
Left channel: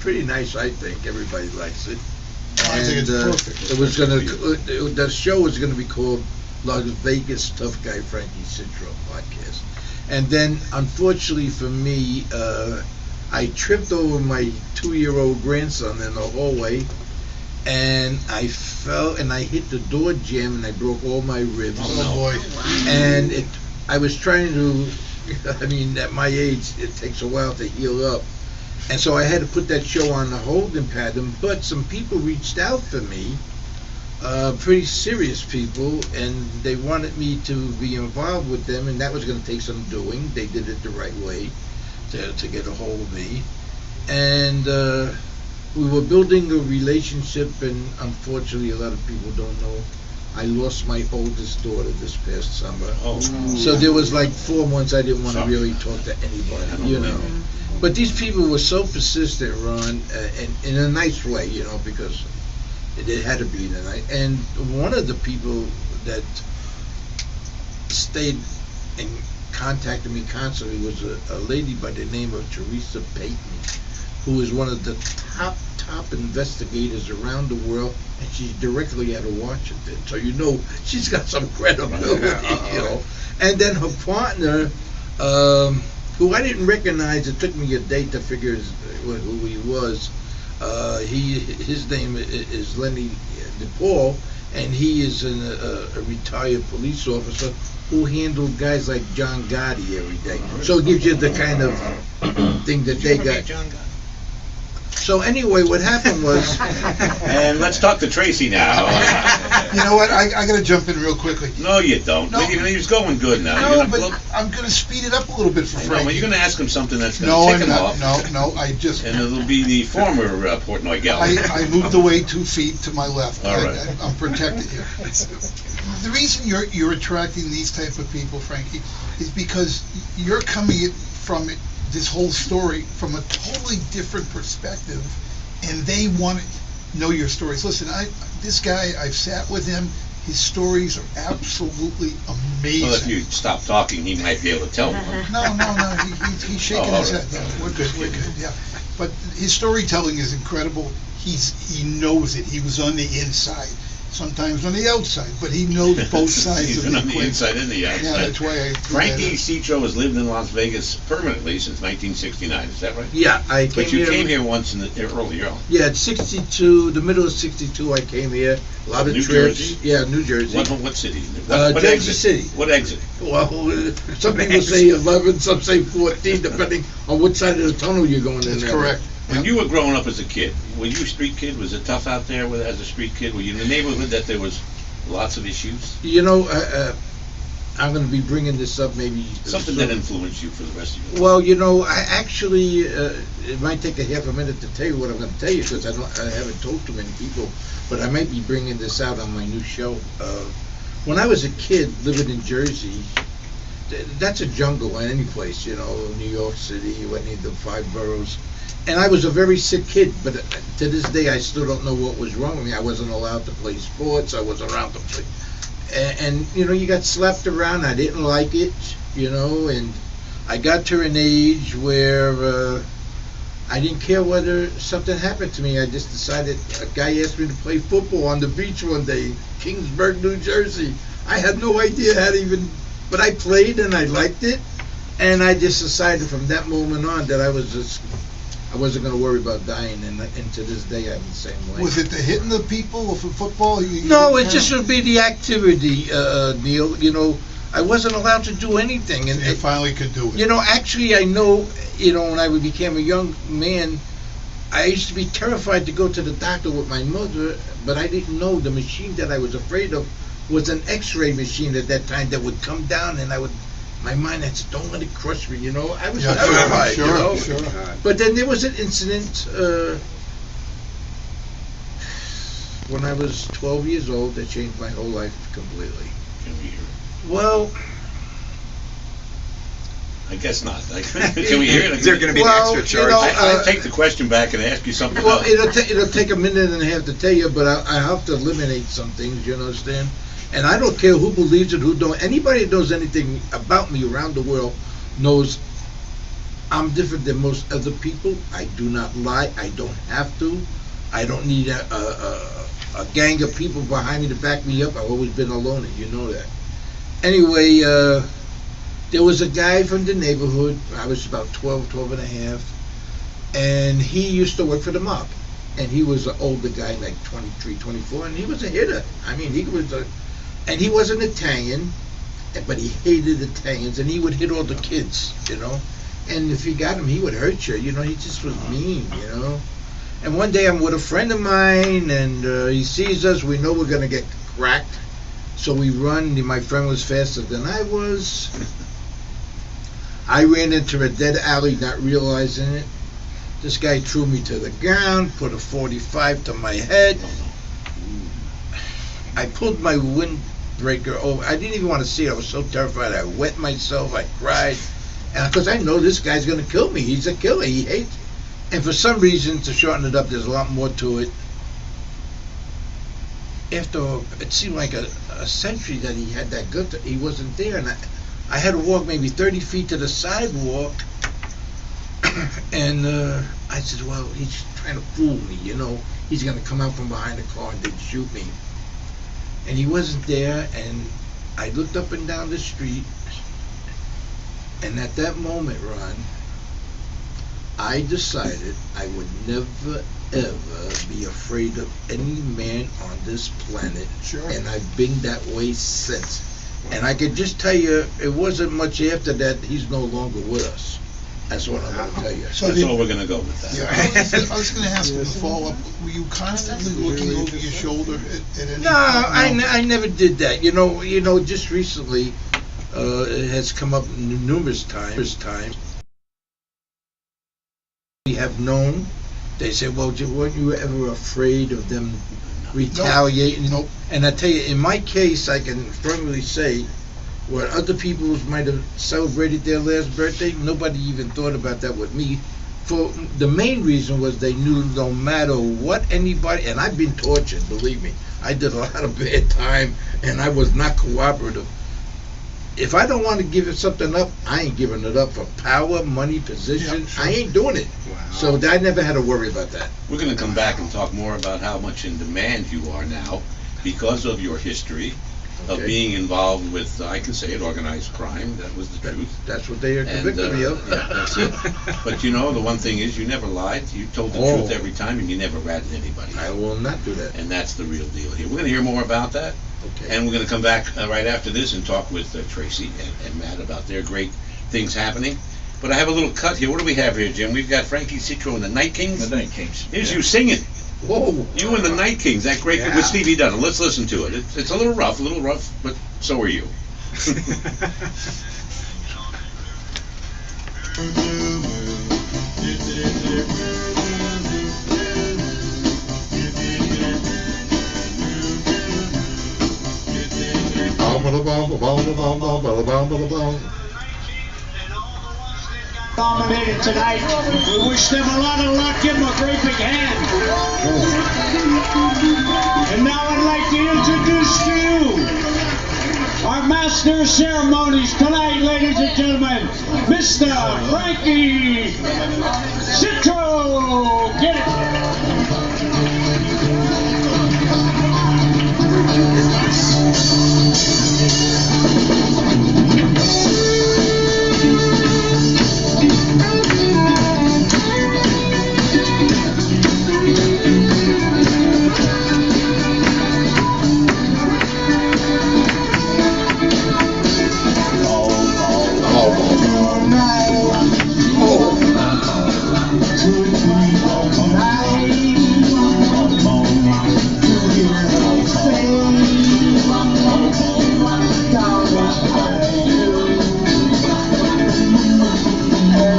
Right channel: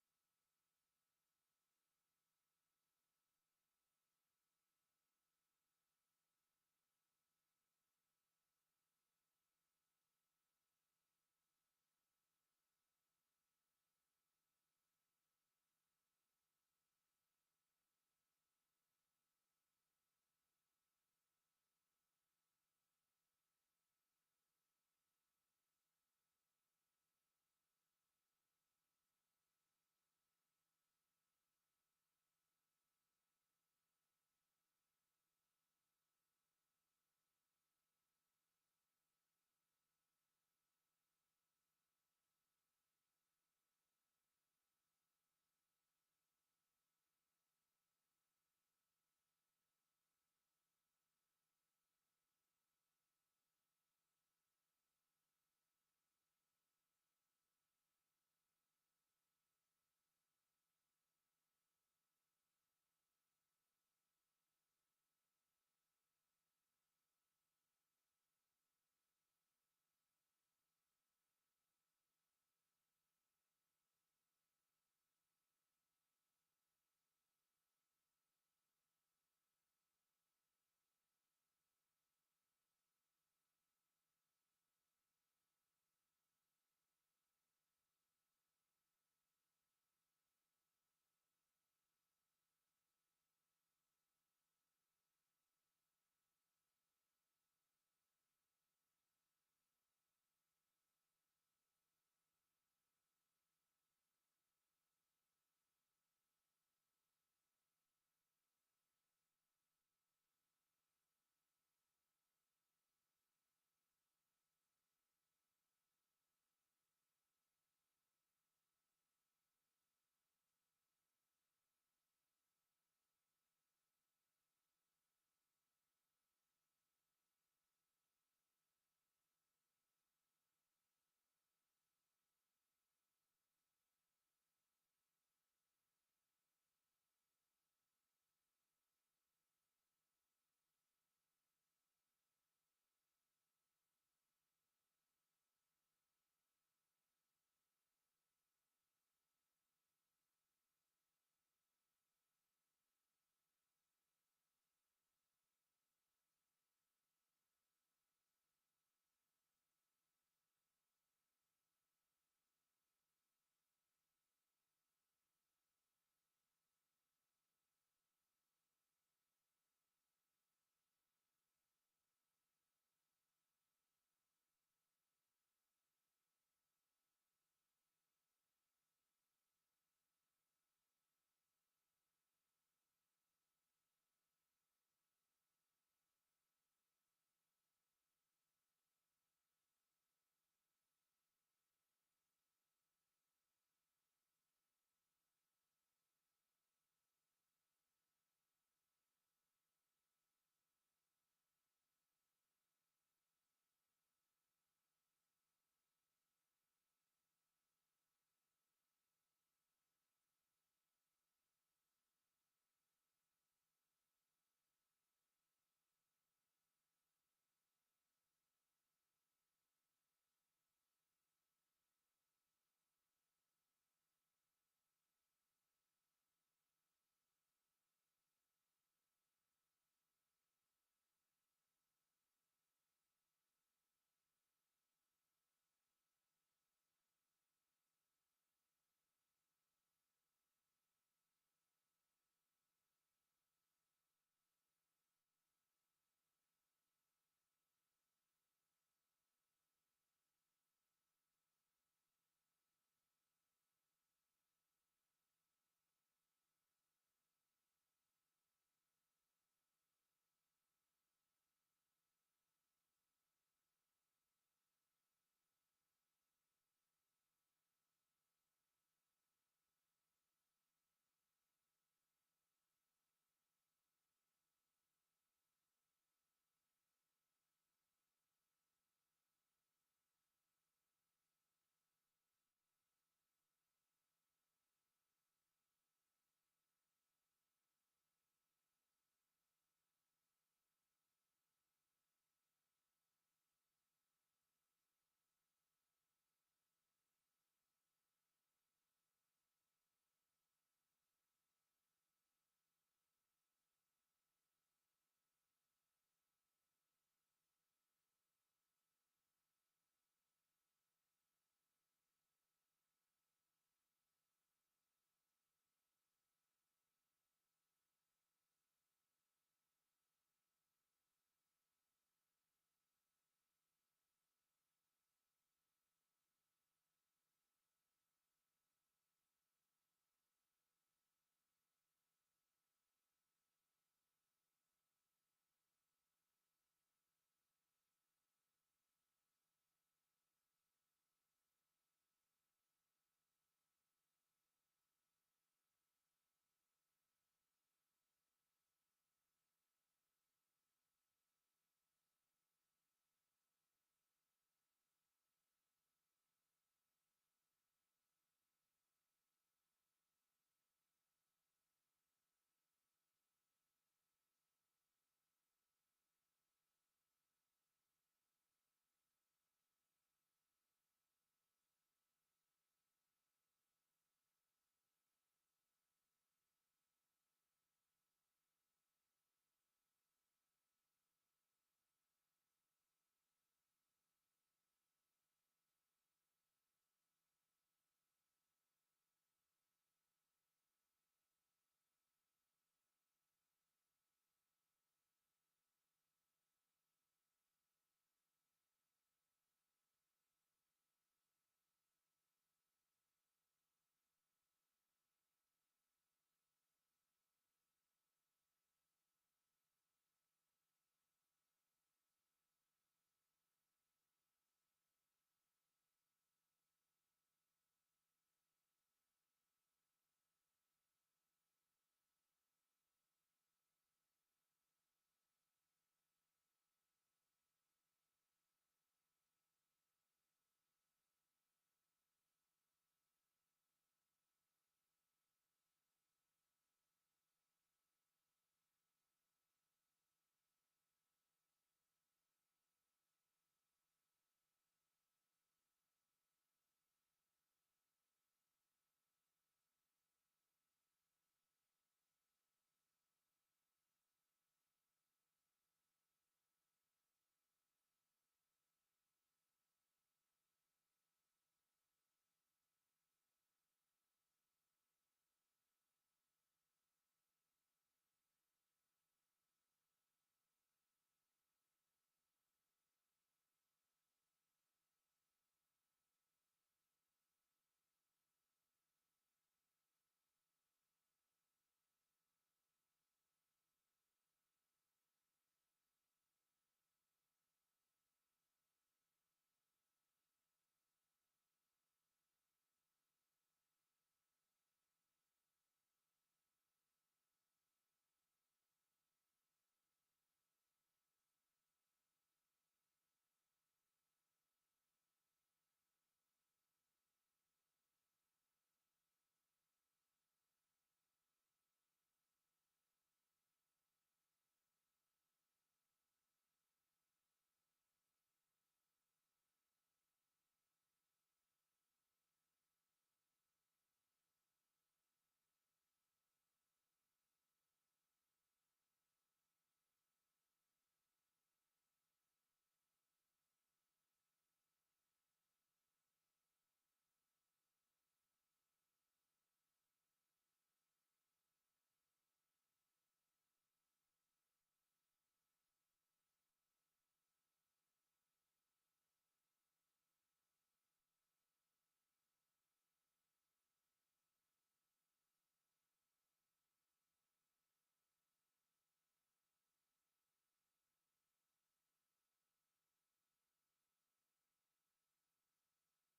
pretty nice. I think everybody likes it. I think it's perfect. It was going to the show was going to be called Las Vegas Tough Guy Frankie Citro Podcast, and then unfortunately for me, I tripped over my 2-year-old grandson in the hallway, and I fell and I hit the door jamb and I broke all my ribs. Oh boy. And I was trying to, I mean, at my age, it takes a while to heal up. And so I had to put that show on the holding pattern, but some people reached out for me, pretty serious people, and they wanted me to be involved with them, and that was going to take some doing. They did it the right way to get a hold of me. And we were building a relationship, and unfortunately a lot of people don't know, I lost my oldest daughter this past summer. Oh. So there was like 4 months I didn't want to really talk to anybody, you know. But these people were so persistent, Ron, in a nice way, you know, because it had to be tonight. And one of the people that stayed and contacted me constantly was a lady by the name of Teresa Payton, who is one of the top investigators around the world, and she's directly out of Washington. So you know she's got some credibility, you know. And then her partner, who I didn't recognize, it took me a day to figure who he was. His name is Lenny DePaul, and he is a retired police officer who handled guys like John Gotti every day. So it gives you the kind of thing that they got. So anyway, what happened was, And let's talk to Tracy now. You know what? I got to jump in real quickly. No, you don't. No. He's going good now. No, but I'm going to speed it up a little bit for I know, Frankie. but you're going to ask him something that's going No, to I'm tick him not. off. No, I just. And it'll be the former Portnoy gal. I moved away 2 feet to my left. All right. I'm protected here. The reason you're attracting these type of people, Frankie, is because you're coming from this whole story from a totally different perspective, and they want to know your stories. Listen, this guy, I've sat with him. His stories are absolutely amazing. Well, if you stop talking, he might be able to tell one. No, he's shaking his head. right. No, we're good, yeah. But his storytelling is incredible. He knows it. He was on the inside, sometimes on the outside, but he knows both sides He's of been the on the equation. inside and the outside. Yeah, that's why I. Frankie Citro has lived in Las Vegas permanently since 1969. Is that right? yeah, I came But you here. came here once earlier on. Yeah, at 62, the middle of 62, I came here. A lot of New trips. Jersey? Yeah, New Jersey. What city? What Jersey exit? City. What exit? Well, some people say 11, some say 14, depending on what side of the tunnel you're going in. That's there. correct. When you were growing up as a kid, were you a street kid? Was it tough out there as a street kid? Were you in the neighborhood that there was lots of issues? You know, I'm going to be bringing this up maybe. Something that influenced you for the rest of your life? Well, you know, I actually, it might take a half a minute to tell you what I'm going to tell you because I haven't told too many people, but I might be bringing this out on my new show. When I was a kid living in Jersey, that's a jungle in any place, you know, New York City, any of the 5 boroughs. And I was a very sick kid, but to this day I still don't know what was wrong with me. I wasn't allowed to play sports. I wasn't allowed to play. And you know, you got slapped around. I didn't like it, you know, and I got to an age where I didn't care whether something happened to me. I just decided, a guy asked me to play football on the beach one day in Kingsburg, New Jersey. I had no idea how to even, but I played and I liked it. And I just decided from that moment on that I wasn't going to worry about dying, and to this day I'm the same way. Was it the hitting the people for football? No, it just would be the activity, Neil. You know, I wasn't allowed to do anything, and you finally could do it. You know, actually, I know. You know, when I became a young man, I used to be terrified to go to the doctor with my mother, but I didn't know the machine that I was afraid of was an X-ray machine at that time that would come down, and my mind had said, "Don't let it crush me," you know. I was terrified, sure, you know. Sure. But then there was an incident when I was 12 years old that changed my whole life completely. Can we hear it? Well, I guess not. Can we hear it? Is there going to be an extra charge? You know, I'll take the question back and ask you something well, else. it'll take a minute and a half to tell you, but I have to eliminate some things, you understand? And I don't care who believes it, who don't. Anybody that knows anything about me around the world knows I'm different than most other people. I do not lie. I don't have to. I don't need a gang of people behind me to back me up. I've always been a loner. You know that. Anyway, there was a guy from the neighborhood. I was about 12 and a half. And he used to work for the mob. And he was an older guy, like 23, 24. And he was a hitter. I mean, and he was an Italian, but he hated Italians, and he would hit all the kids, you know. And if you got him, he would hurt you, you know. He just was mean, you know. And one day I'm with a friend of mine, and he sees us. We know we're going to get cracked. So we run. My friend was faster than I was. I ran into a dead alley, not realizing it. This guy threw me to the ground, put a 45 to my head. I pulled my windbreaker over. I didn't even want to see it. I was so terrified. I wet myself. I cried. And because I know this guy's going to kill me. He's a killer. He hates. And for some reason, to shorten it up, there's a lot more to it. After, it seemed like a century that he had that good, he wasn't there. And I had to walk maybe 30 feet to the sidewalk. And I said, well, he's trying to fool me, you know. He's going to come out from behind the car and then shoot me. And he wasn't there, and I looked up and down the street, and at that moment, Ron, I decided I would never, ever be afraid of any man on this planet. Sure. And I've been that way since. And I could just tell you, it wasn't much after that, he's no longer with us. That's what I'm going to tell you. So that's all we're going to go with that. Yeah, I was going to ask you a follow-up. Were you constantly looking over your shoulder at any No, time? I never did that. You know, just recently, it has come up numerous times. We have known. They say, well, weren't you ever afraid of them retaliating? Nope. And I tell you, in my case, I can firmly say, where other people might have celebrated their last birthday, nobody even thought about that with me. For the main reason was they knew no matter what anybody, and I've been tortured, believe me. I did a lot of bad time, and I was not cooperative. If I don't want to give something up, I ain't giving it up for power, money, position. Yeah, sure. I ain't doing it. Wow. So I never had to worry about that. We're going to come back and talk more about how much in demand you are now because of your history of being involved with, I can say it, organized crime. That was the truth. That's what they are convicted me of. Yeah, that's it. But you know, the one thing is you never lied. You told the truth every time, and you never ratted anybody. I will not do that. And that's the real deal here. We're going to hear more about that. Okay. And we're going to come back right after this and talk with Tracy and Matt about their great things happening. But I have a little cut here. What do we have here, Jim? We've got Frankie Citro and the Night Kings. The Night Kings. Here's you singing. Whoa. You and the Night Kings, that great with Stevie Dunham. Let's listen to it. It's a little rough, but so are you. Dominated tonight. We wish them a lot of luck. Give them a great big hand. And now I'd like to introduce to you our master. master of ceremonies tonight, ladies and gentlemen, Mr. Frankie Citro. Get it.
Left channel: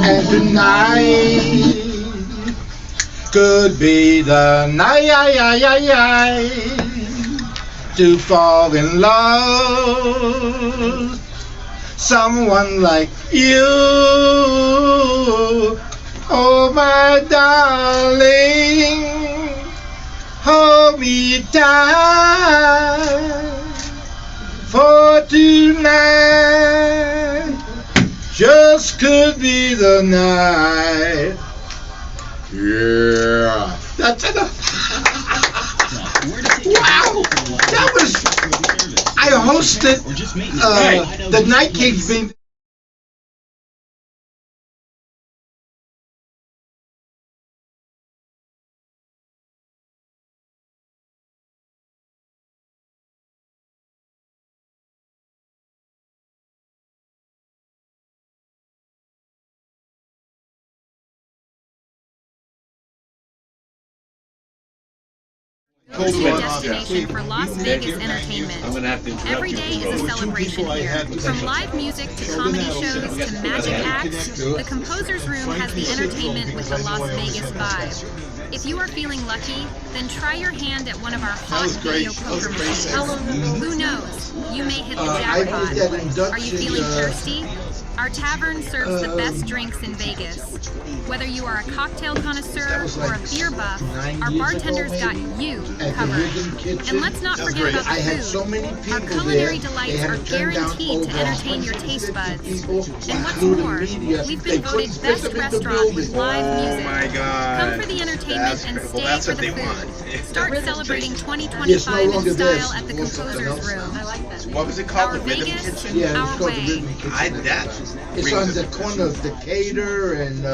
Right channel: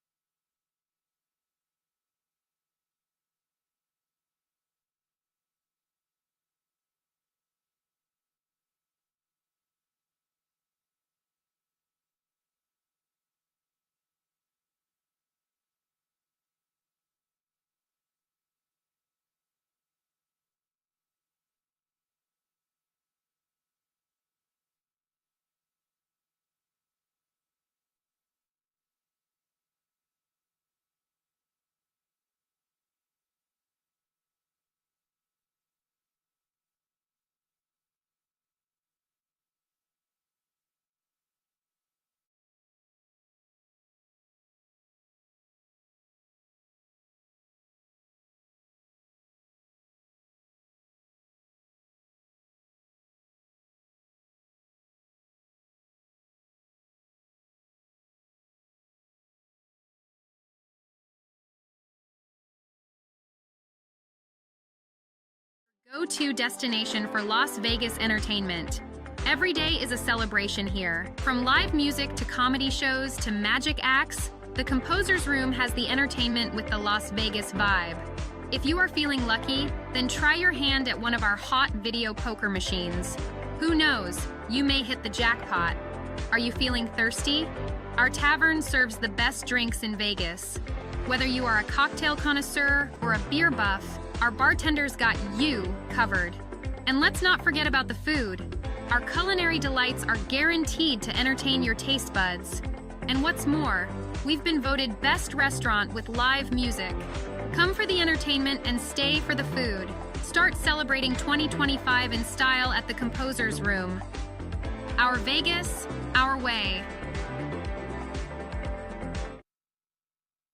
And tonight could be the night to fall in love. Someone like you, oh my darling, hold me tight for tonight. Just could be the night. Yeah, that's enough. Wow, that was. I hosted the Night Kings being. Go-to destination for Las Vegas entertainment. Every day is a celebration here. From live music to comedy shows to magic acts, the Composer's Room has the entertainment with the Las Vegas vibe. If you are feeling lucky, then try your hand at one of our hot video poker machines. Who knows? You may hit the jackpot. Are you feeling thirsty? Our tavern serves the best drinks in Vegas. Whether you are a cocktail connoisseur or a beer buff, our bartenders got you covered. And let's not forget about the food. Our culinary delights are guaranteed to entertain your taste buds. And what's more, we've been voted best restaurant with live music. Come for the entertainment and stay for the food. Start celebrating 2025 in style at the Composer's Room. What was it called? Our Vegas, our way. It's on the corner of Decatur and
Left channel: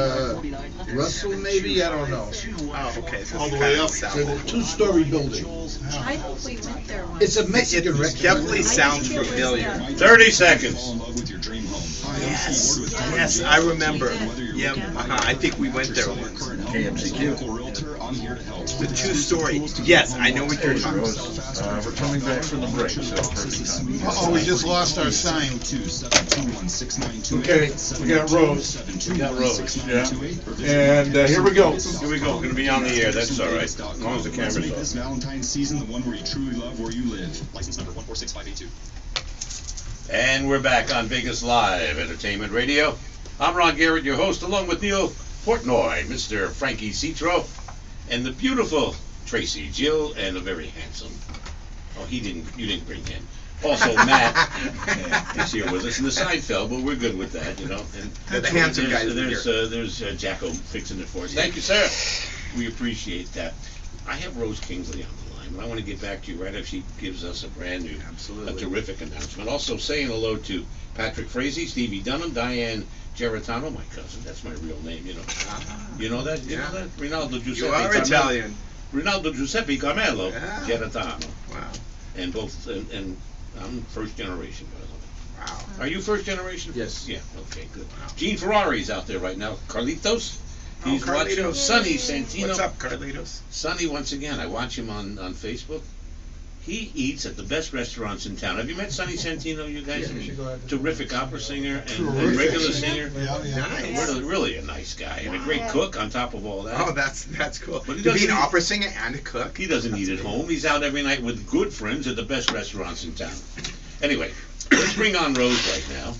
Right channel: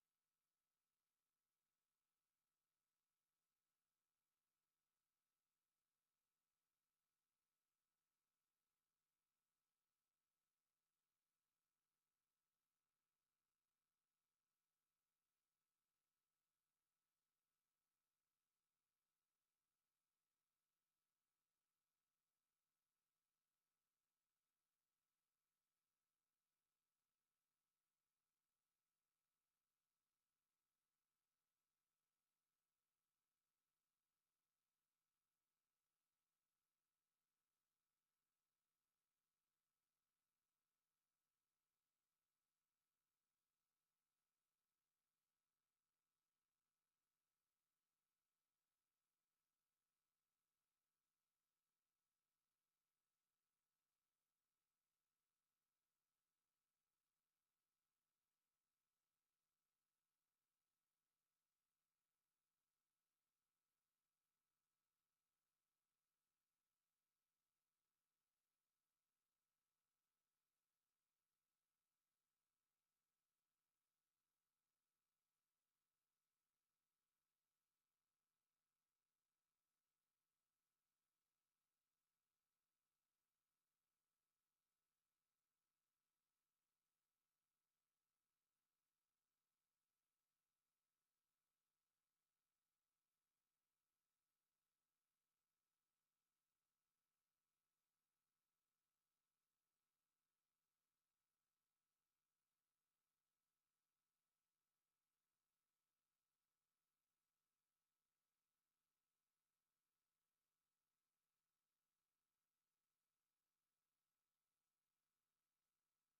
Russell, maybe? I don't know. Oh, okay. So All the way up. It's a two-story building. I think we went there once. It's a Mexican It restaurant. definitely sounds familiar. 30 seconds. Yes, yes, I remember. Yeah, I think we went there once. KMCQ. The two-story. Yes, I know what you're talking about. We're coming back from the break, so perfect time. Uh-oh, we just lost our sign. Okay, we got Rose. Yeah. And here we go. Here we go. We're going to be on the air. That's all right. As long as the camera's off. This Valentine's season, the one where you truly love where you live. License number 146582. And we're back on Vegas Live Entertainment Radio. I'm Ron Garrett, your host, along with Neal Portnoy, Mr. Frankie Citro, and the beautiful Tracy Jill, and the very handsome. Oh, you didn't bring him. Also, Matt is here with us in the Seinfeld, but we're good with that, you know. And The handsome guy is there's Jacko fixing it for us. Thank you, sir. We appreciate that. I have Rose Kingsley on the line, and I want to get back to you right after she gives us a brand new, a terrific announcement. Also saying hello to Patrick Frazee, Stevie Dunham, Diane Geritano, my cousin. That's my real name, you know. You know that? You know that? Rinaldo Giuseppe. You are Italian. Rinaldo Giuseppe Carmelo Geritano. Wow. And both, and I'm first generation, by the way. Wow. Are you first generation? Yes. Yeah, okay, good. Gene Ferrari's out there right now. Carlitos. Oh, He's watching Carlitos. Sonny Santino. What's up, Carlitos? Sonny, once again, I watch him on Facebook. He eats at the best restaurants in town. Have you met Sonny Santino, you guys? Yeah, you should go out there. Terrific opera singer and Terrific regular singer. singer. Yeah. Really a nice guy and a great cook on top of all that. Oh, that's cool. But he To be an doesn't- opera singer and a cook. He doesn't eat at home. He's out every night with good friends at the best restaurants in town. Anyway, let's bring on Rose right now.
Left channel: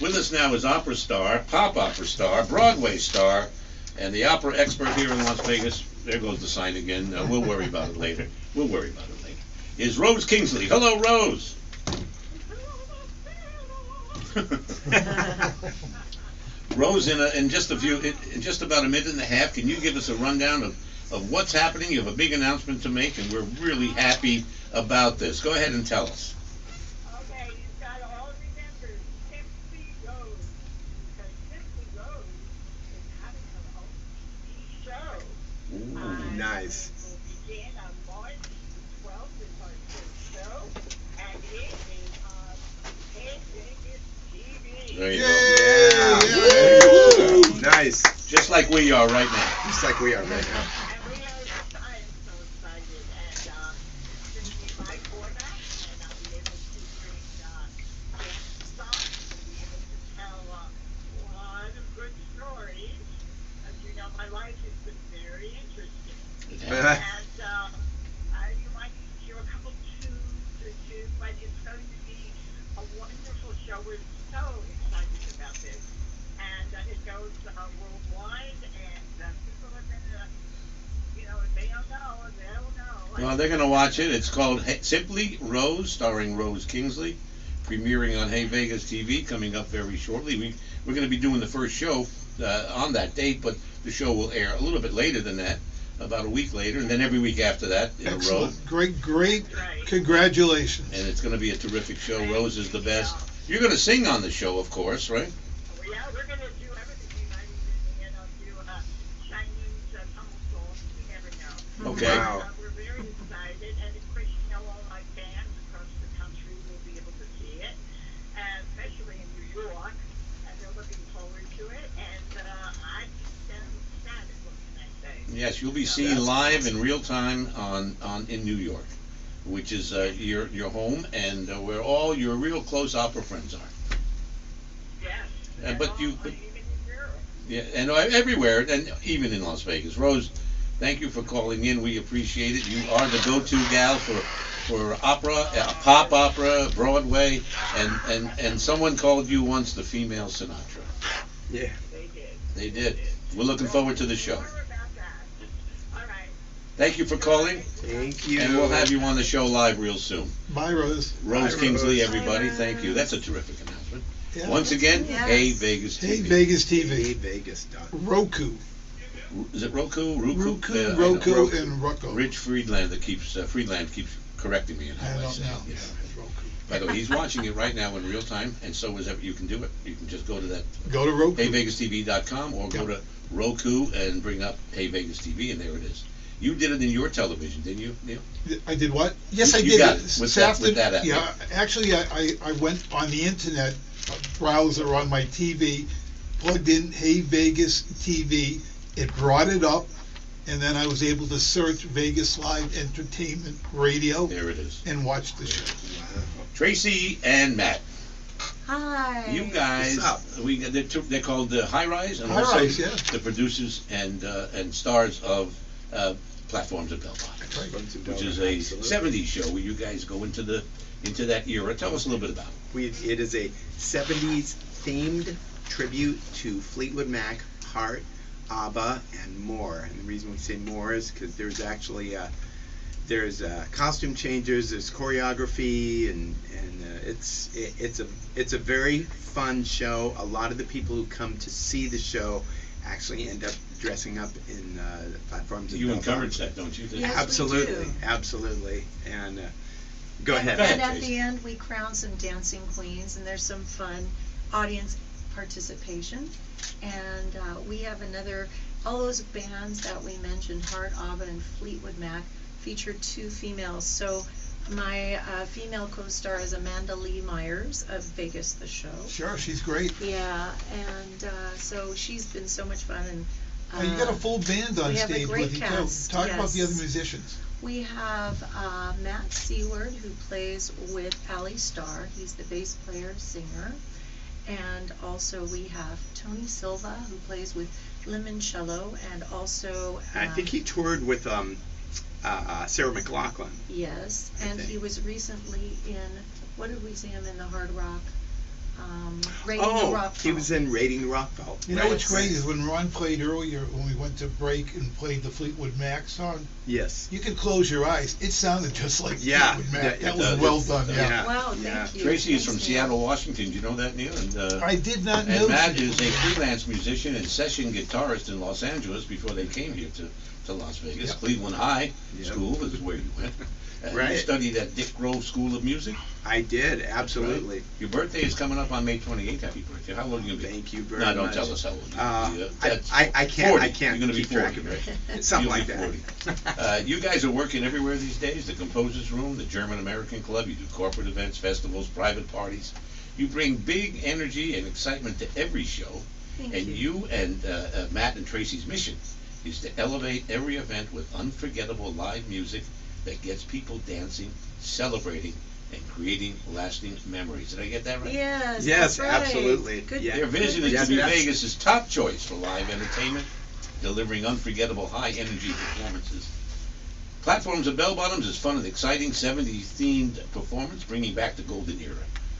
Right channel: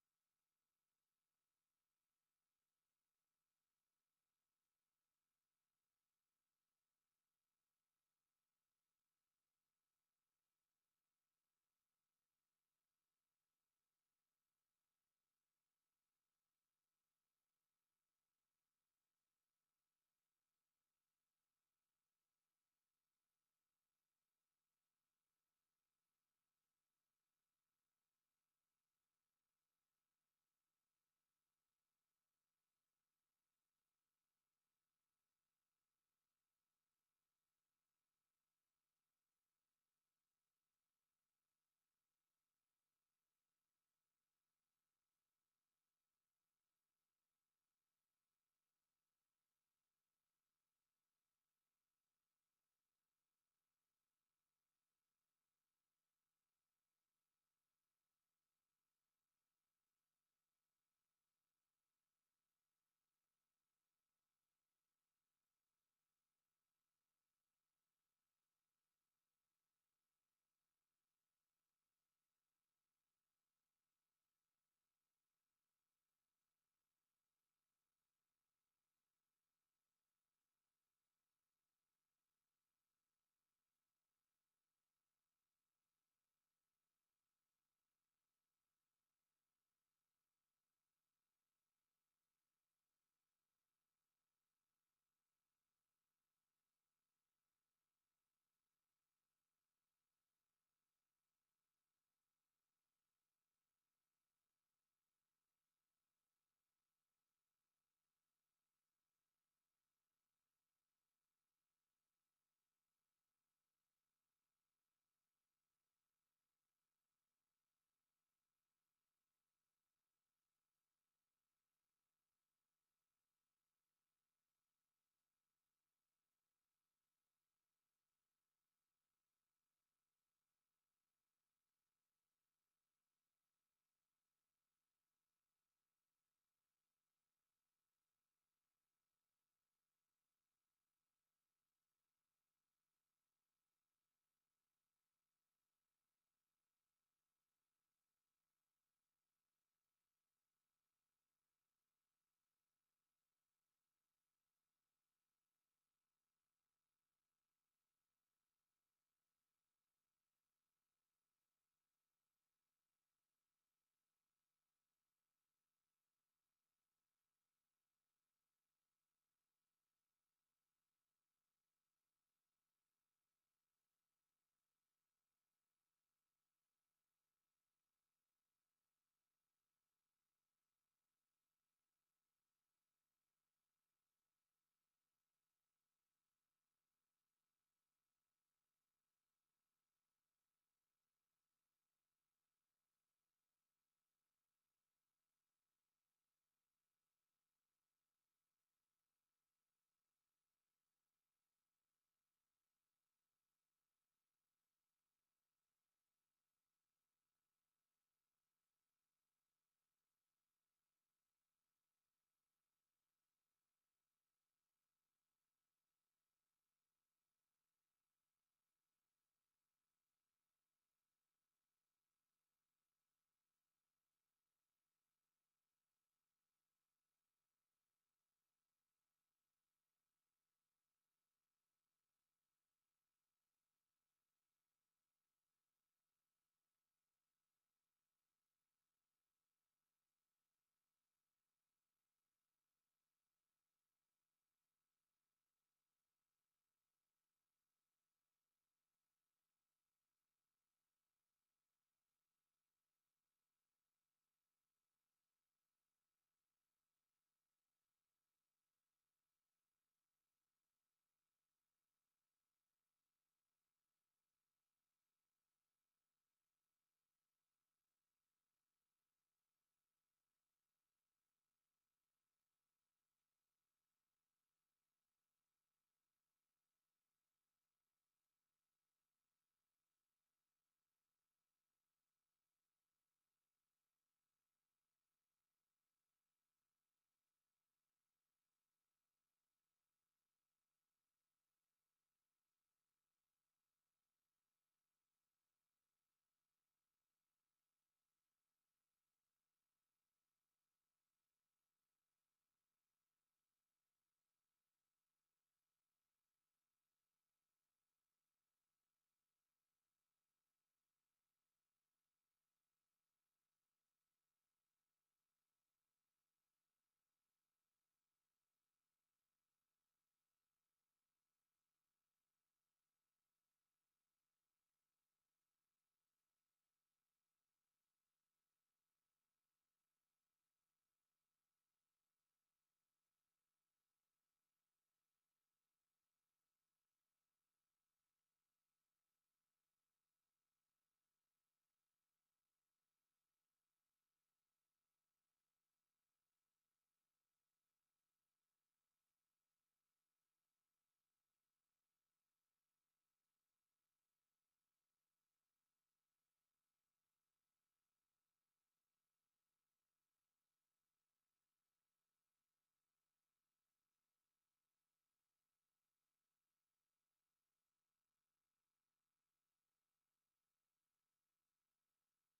With us now is opera star, pop opera star, Broadway star, and the opera expert here in Las Vegas. There goes the sign again. We'll worry about it later. Is Rose Kingsley. Hello, Rose. Rose, in just about a minute and a half, can you give us a rundown of what's happening? You have a big announcement to make, and we're really happy about this. Go ahead and tell us. Okay, you've got to all remember Simply Rose, because Simply Rose is having her own TV show. Nice. It will begin on March 12th with our first show, and it is on Hey Vegas TV. There you go. Yeah. Nice. Just like we are right now. Just like we are right now. And we are, I am so excited, and it's going to be my format, and I'll be able to bring guests on, and be able to tell a lot of good stories. As you know, my life has been very interesting. And you might hear a couple tunes or two, but it's going to be a wonderful show. We're so excited about this. And it goes worldwide, and people are going to, if they don't know, they'll know. Well, they're going to watch it. It's called Simply Rose, starring Rose Kingsley, premiering on Hey Vegas TV, coming up very shortly. We're going to be doing the first show on that date, but the show will air a little bit later than that, about a week later, and then every week after that in a row. Great. Congratulations. And it's going to be a terrific show. Rose is the best. You're going to sing on the show, of course, right? Yeah, we're going to do everything. We might even, do Chinese tumble songs. You never know. Okay. Wow. We're very excited, and of course, all my fans across the country will be able to see it, and especially in New York, and they're looking forward to it, and I think them ecstatic. What can I say? Yes, you'll be seen live in real time in New York, which is your home, and where all your real close opera friends are. Yes. But even in Europe. Yeah, and everywhere, and even in Las Vegas. Rose, thank you for calling in. We appreciate it. You are the go-to gal for opera, pop opera, Broadway, and someone called you once the female Sinatra. Yeah. They did. We're looking forward to the show. More about that. All right. Thank you for calling, Thank you. and we'll have you on the show live real soon. Bye, Rose. Rose Bye, Kingsley, Rose. everybody. Thank you. That's a terrific announcement. Yeah. Once again, Yes. Hey Vegas TV. Hey Vegas Hey TV. Vegas. Roku. Is it Roku? Roku, I know. Roku, and Roku. Rich Friedland keeps correcting me in I how I don't say know. it. Yeah, Roku. By the way, he's watching it right now in real time, and so is you can do it. You can just go to that Go to Roku. HeyVegasTV.com or go to Roku and bring up Hey Vegas TV, and there it is. You did it in your television, didn't you, Neal? I did what? Yes, I You did. got it with that app. Yeah, actually, I went on the internet, browser on my TV, plugged in Hey Vegas TV. It brought it up, and then I was able to search Vegas Live Entertainment Radio. There it is. And watch the show. Tracy and Matt. Hi. You guys, they're called the High Rise, and High also Rise, yeah. the producers and stars of Platforms of Belmont, which is a '70s show where you guys go into that era. Tell us a little bit about it. It is a 70s themed tribute to Fleetwood Mac, Heart, ABBA, and more. And the reason we say more is because there's actually there's costume changes, there's choreography, and it's a very fun show. A lot of the people who come to see the show actually end up dressing up in Platforms. You encourage that, don't you? Yes, absolutely, we do. absolutely. And go ahead. And at the end, we crown some dancing queens, and there's some fun audience participation. And we have all those bands that we mentioned, Heart, ABBA, and Fleetwood Mac, feature 2 females. So my female co-star is Amanda Lee Myers of Vegas the Show. Sure, she's great. Yeah, and so she's been so much fun. And You got a full band on stage with you, too. Talk about the other musicians. We have Matt Seward, who plays with Ali Starr. He's the bass player, singer. And also we have Tony Silva, who plays with limoncello, and also I think he toured with Sarah McLachlan. Yes, and he was recently in, what did we see him in, the Hard Rock? Raiding the Rock he was in Raiding the Rockville. You know what's great is when Ron played earlier, when we went to break and played the Fleetwood Mac song. Yes. You could close your eyes. It sounded just like Yeah. Fleetwood Mac. Yeah, That was well done. Yeah. Wow, thank you. Tracy is Thanks, from Neal. Seattle, Washington. Do you know that, Neal? And, I did not know. And Matt is a freelance musician and session guitarist in Los Angeles before they came here to Las Vegas. Yep. Cleveland High Yep. School is where you went. Right. You studied at Dick Grove School of Music? I did, absolutely. Right. Your birthday is coming up on May 28th. Happy birthday. How old are you going to be? Thank you very No, much. don't tell us how old you are. I can't. 40. I can't. You're going to be keep track 40, of it. right? Something You'll like be that. 40. You guys are working everywhere these days. The Composers Room, the German American Club. You do corporate events, festivals, private parties. You bring big energy and excitement to every show. Thank And you. you and Matt and Tracy's mission is to elevate every event with unforgettable live music that gets people dancing, celebrating, and creating lasting memories. Did I get that right? Yes, Yes, that's right. absolutely. Good, Yeah. Their vision is Yes, to be yes. Vegas' top choice for live entertainment, delivering unforgettable high-energy performances. Platforms and Bell Bottoms is fun and exciting 70s-themed performance, bringing back the golden era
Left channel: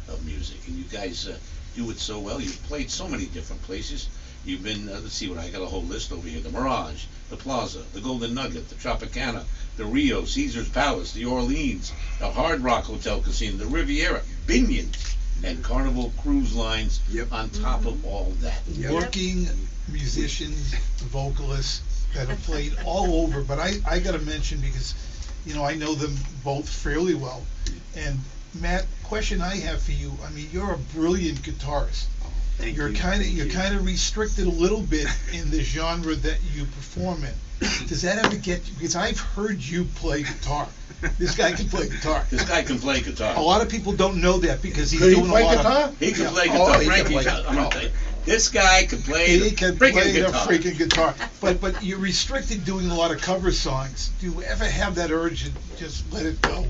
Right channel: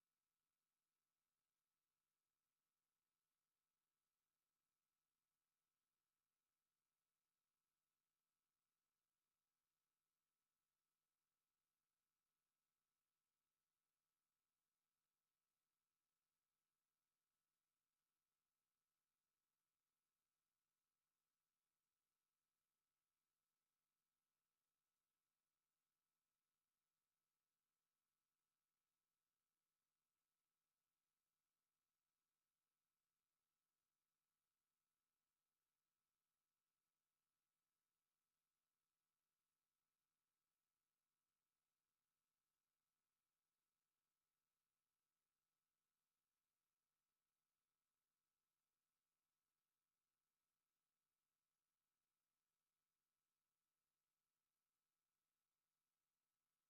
of music. And you guys do it so well. You've played so many different places. You've been, let's see what, I got a whole list over here. The Mirage, the Plaza, the Golden Nugget, the Tropicana, the Rio, Caesar's Palace, the Orleans, the Hard Rock Hotel Casino, the Riviera, Binions, and Carnival Cruise Lines on top of all that. Working musicians, vocalists that have played all over, but I got to mention because, you know, I know them both fairly well. And Matt, question I have for you, I mean, you're a brilliant guitarist. Thank You're you. kind of Thank you're you. kind of restricted a little bit in the genre that you perform in. Does that ever get you? Because I've heard you play guitar. This guy can play guitar. This guy can play guitar. A lot of people don't know that because he's Could he doing play a lot guitar? of. He can Yeah. play Oh, guitar. he can Frankie, play I'm guitar. gonna tell you, this guy can play He the can freaking play the guitar. freaking guitar. But you're restricted doing a lot of cover songs. Do you ever have that urge to just let it go?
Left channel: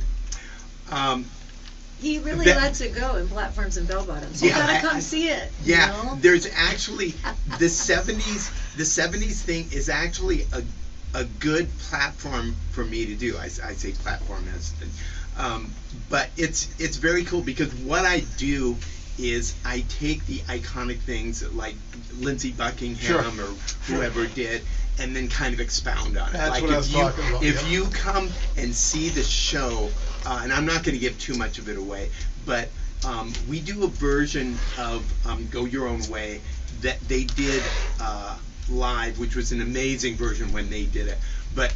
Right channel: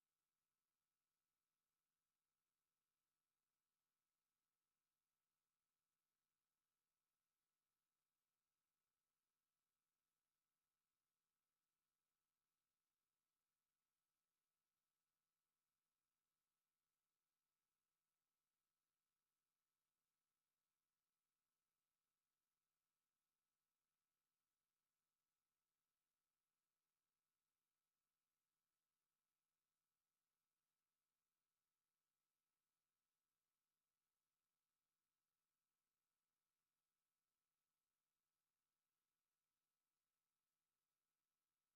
He really That- lets it go in Platforms and Bell Bottoms. You Yeah, gotta I- come see it. Yeah, You know? there's actually the 70s. The 70s thing is actually a good platform for me to do. I say platform as, but it's very cool because what I do is I take the iconic things like Lindsey Buckingham Sure. or whoever did, and then kind of expound on it. That's like what I if was you talking about, if yep. you come and see the show, and I'm not going to give too much of it away, but we do a version of Go Your Own Way that they did live, which was an amazing version when they did it. But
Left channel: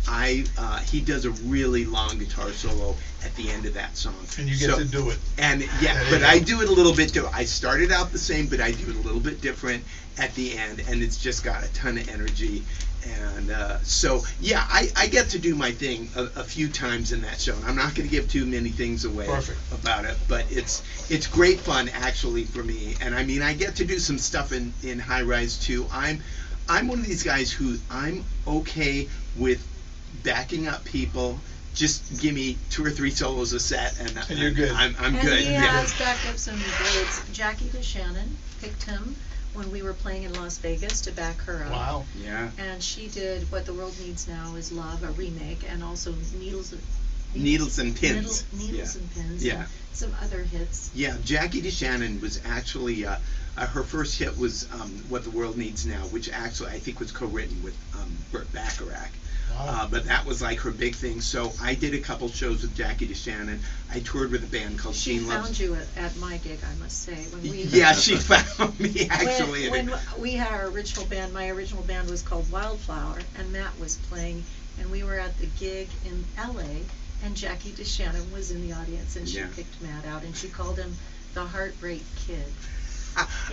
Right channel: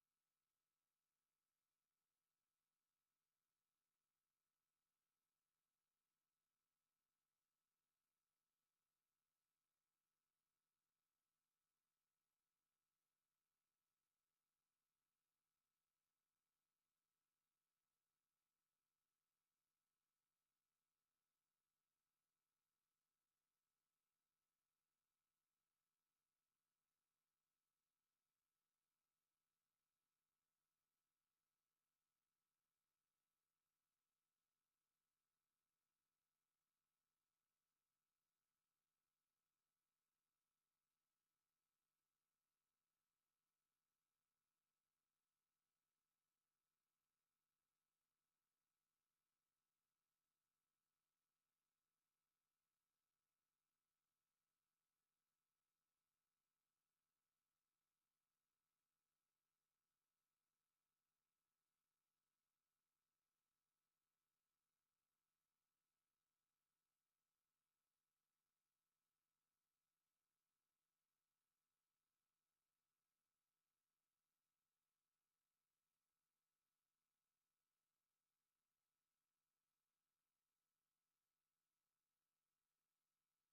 he does a really long guitar solo at the end of that song. And you get to do it. And yeah, There you but go. I do it a little bit different. I started out the same, but I do it a little bit different at the end, and it's just got a ton of energy. And so, yeah, I get to do my thing a few times in that show. And I'm not going to give too many things away Perfect. about it, but it's great fun actually for me. And I mean, I get to do some stuff in High Rise too. I'm one of these guys who I'm okay with backing up people. Just give me 2 or 3 solos a set, and you're good. I'm And good. he Yeah. has backed up some greats. Jackie DeShannon picked him when we were playing in Las Vegas to back her up. Wow. Yeah. And she did What the World Needs Now Is Love, a remake, and also Needles and Pins. Needles and Pins. Yeah. And some other hits. Yeah, Jackie DeShannon was actually her first hit was "What the World Needs Now," which actually I think was co-written with Burt Bacharach. Wow. But that was like her big thing. So I did a couple shows with Jackie DeShannon. I toured with a band called She Gene found Loves. you at my gig, I must say. When we Yeah, she found me actually. When we had our original band, my original band was called Wildflower, and Matt was playing, and we were at the gig in LA, and Jackie DeShannon was in the audience, and she Yeah. picked Matt out, and she called him the Heartbreak Kid.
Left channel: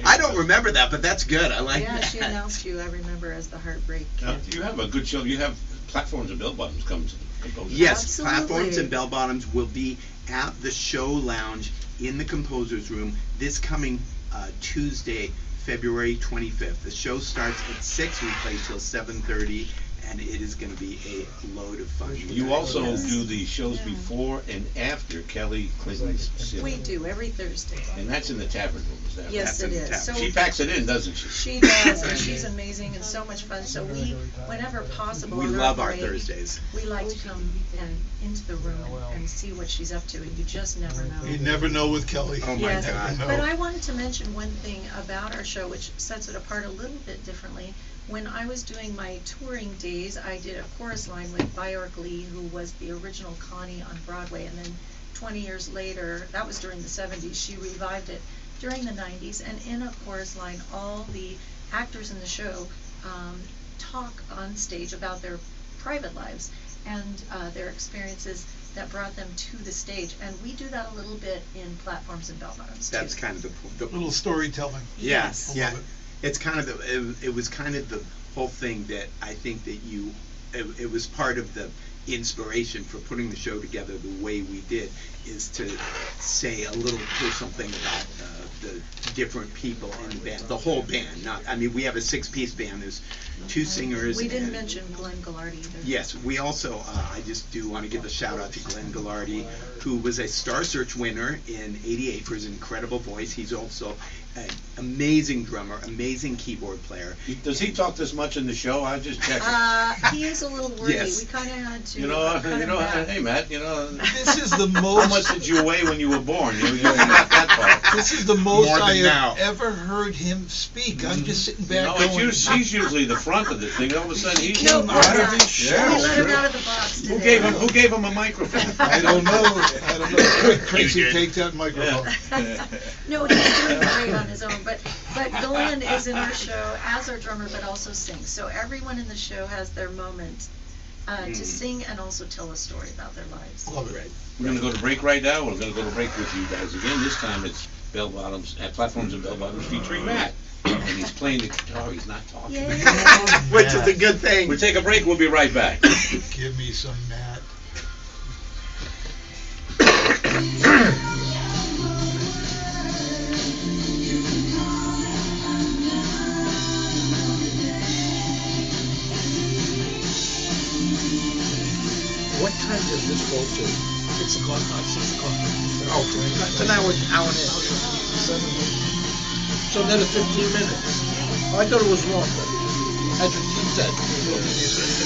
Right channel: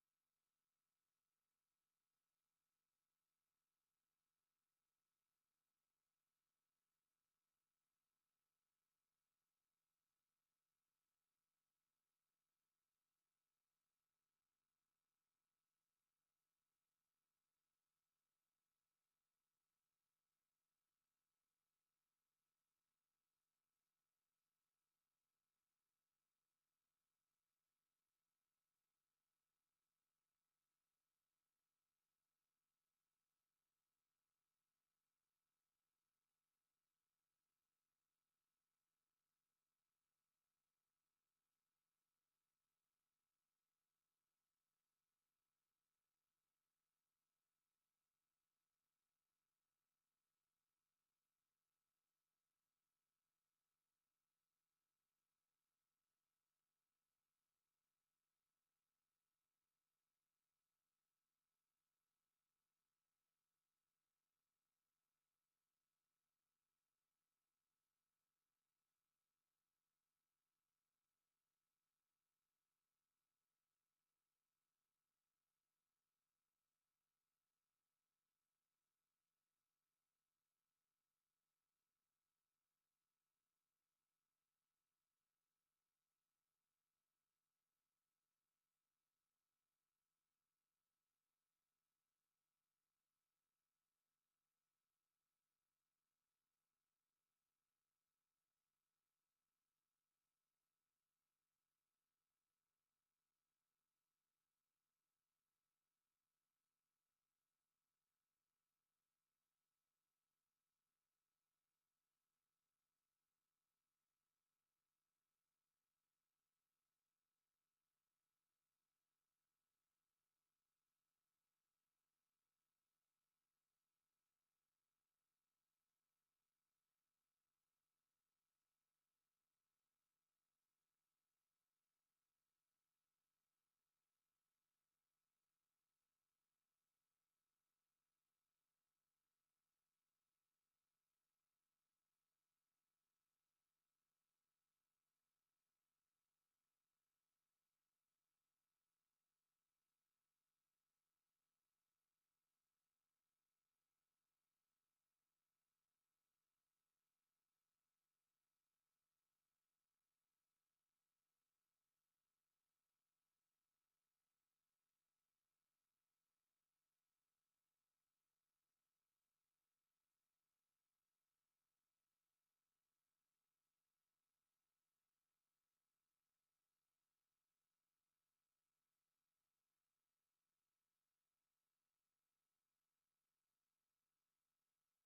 I don't remember that, but that's good. I like Yeah, that. she announced you, I remember, as the Heartbreak Kid. Now, you have a good show. You have Platforms and Bell Bottoms come to the Composers. Yes, Absolutely. Platforms and Bell Bottoms will be at the show lounge in the Composers Room this coming Tuesday, February 25th. The show starts at 6. We play till 7:30, and it is going to be a load of fun. You also Yes. do the shows before and after Kelly Clinton's We Cinema. do, every Thursday. And that's in the tavern room, that Yes, it is. So she packs it in, doesn't she? she does, and she's amazing and so much fun. So we, whenever possible, We on love our break, Thursdays. we like to come and into the room and see what she's up to, and you just never know. You never know with Kelly. Oh my Yes, God. but I wanted to mention one thing about our show, which sets it apart a little bit differently. When I was doing my touring days, I did a chorus line with Bjork Lee, who was the original Connie on Broadway, and then 20 years later, that was during the 70s, she revived it during the 90s, and in a chorus line, all the actors in the show talk on stage about their private lives and their experiences that brought them to the stage, and we do that a little bit in Platforms and Bell Bottoms too. That's kind of the Little storytelling. Yes, I yeah. love it. It's kind of it was kind of the whole thing that I think that it was part of the inspiration for putting the show together the way we did, is to say a little personal thing about the different people in the band, the whole band. We have a 6-piece band. There's 2 singers. We didn't and, mention Glenn Gallardi either. Yes, we also, I just do want to give a shout out to Glenn Gallardi, who was a Star Search winner in '88 for his incredible voice. He's also an amazing drummer, amazing keyboard player. Does he talk this much in the show? I just checked. He is a little wordy. Yes. We kind of had to. Hey Matt, This is the how most. much did you weigh when you were born? You got that part. This is the most More than I now. have ever heard him speak. I'm just sitting back It's going. he's usually the front of the thing. All of a sudden he's No, out yeah. of his show. We let him out of the box today. Who gave him a microphone? I don't know. Tracy, take that microphone. No, he's doing great on his own, but Glenn is in our show as our drummer, but also sings. So everyone in the show has their moment to sing and also tell a story about their lives. Love it. We're going to go to break right now. We're going to go to break with you guys again. This time it's Bell Bottoms, at Platforms and Bell Bottoms featuring Matt. And he's playing the guitar. He's not talking. Which is a good thing. We'll take a break. We'll be right back. Give me some Matt. What time does this go to? 6 o'clock, not 6 o'clock. Oh, so now it's an hour and a half. So another 15 minutes. Oh, I thought it was longer. That's what she said.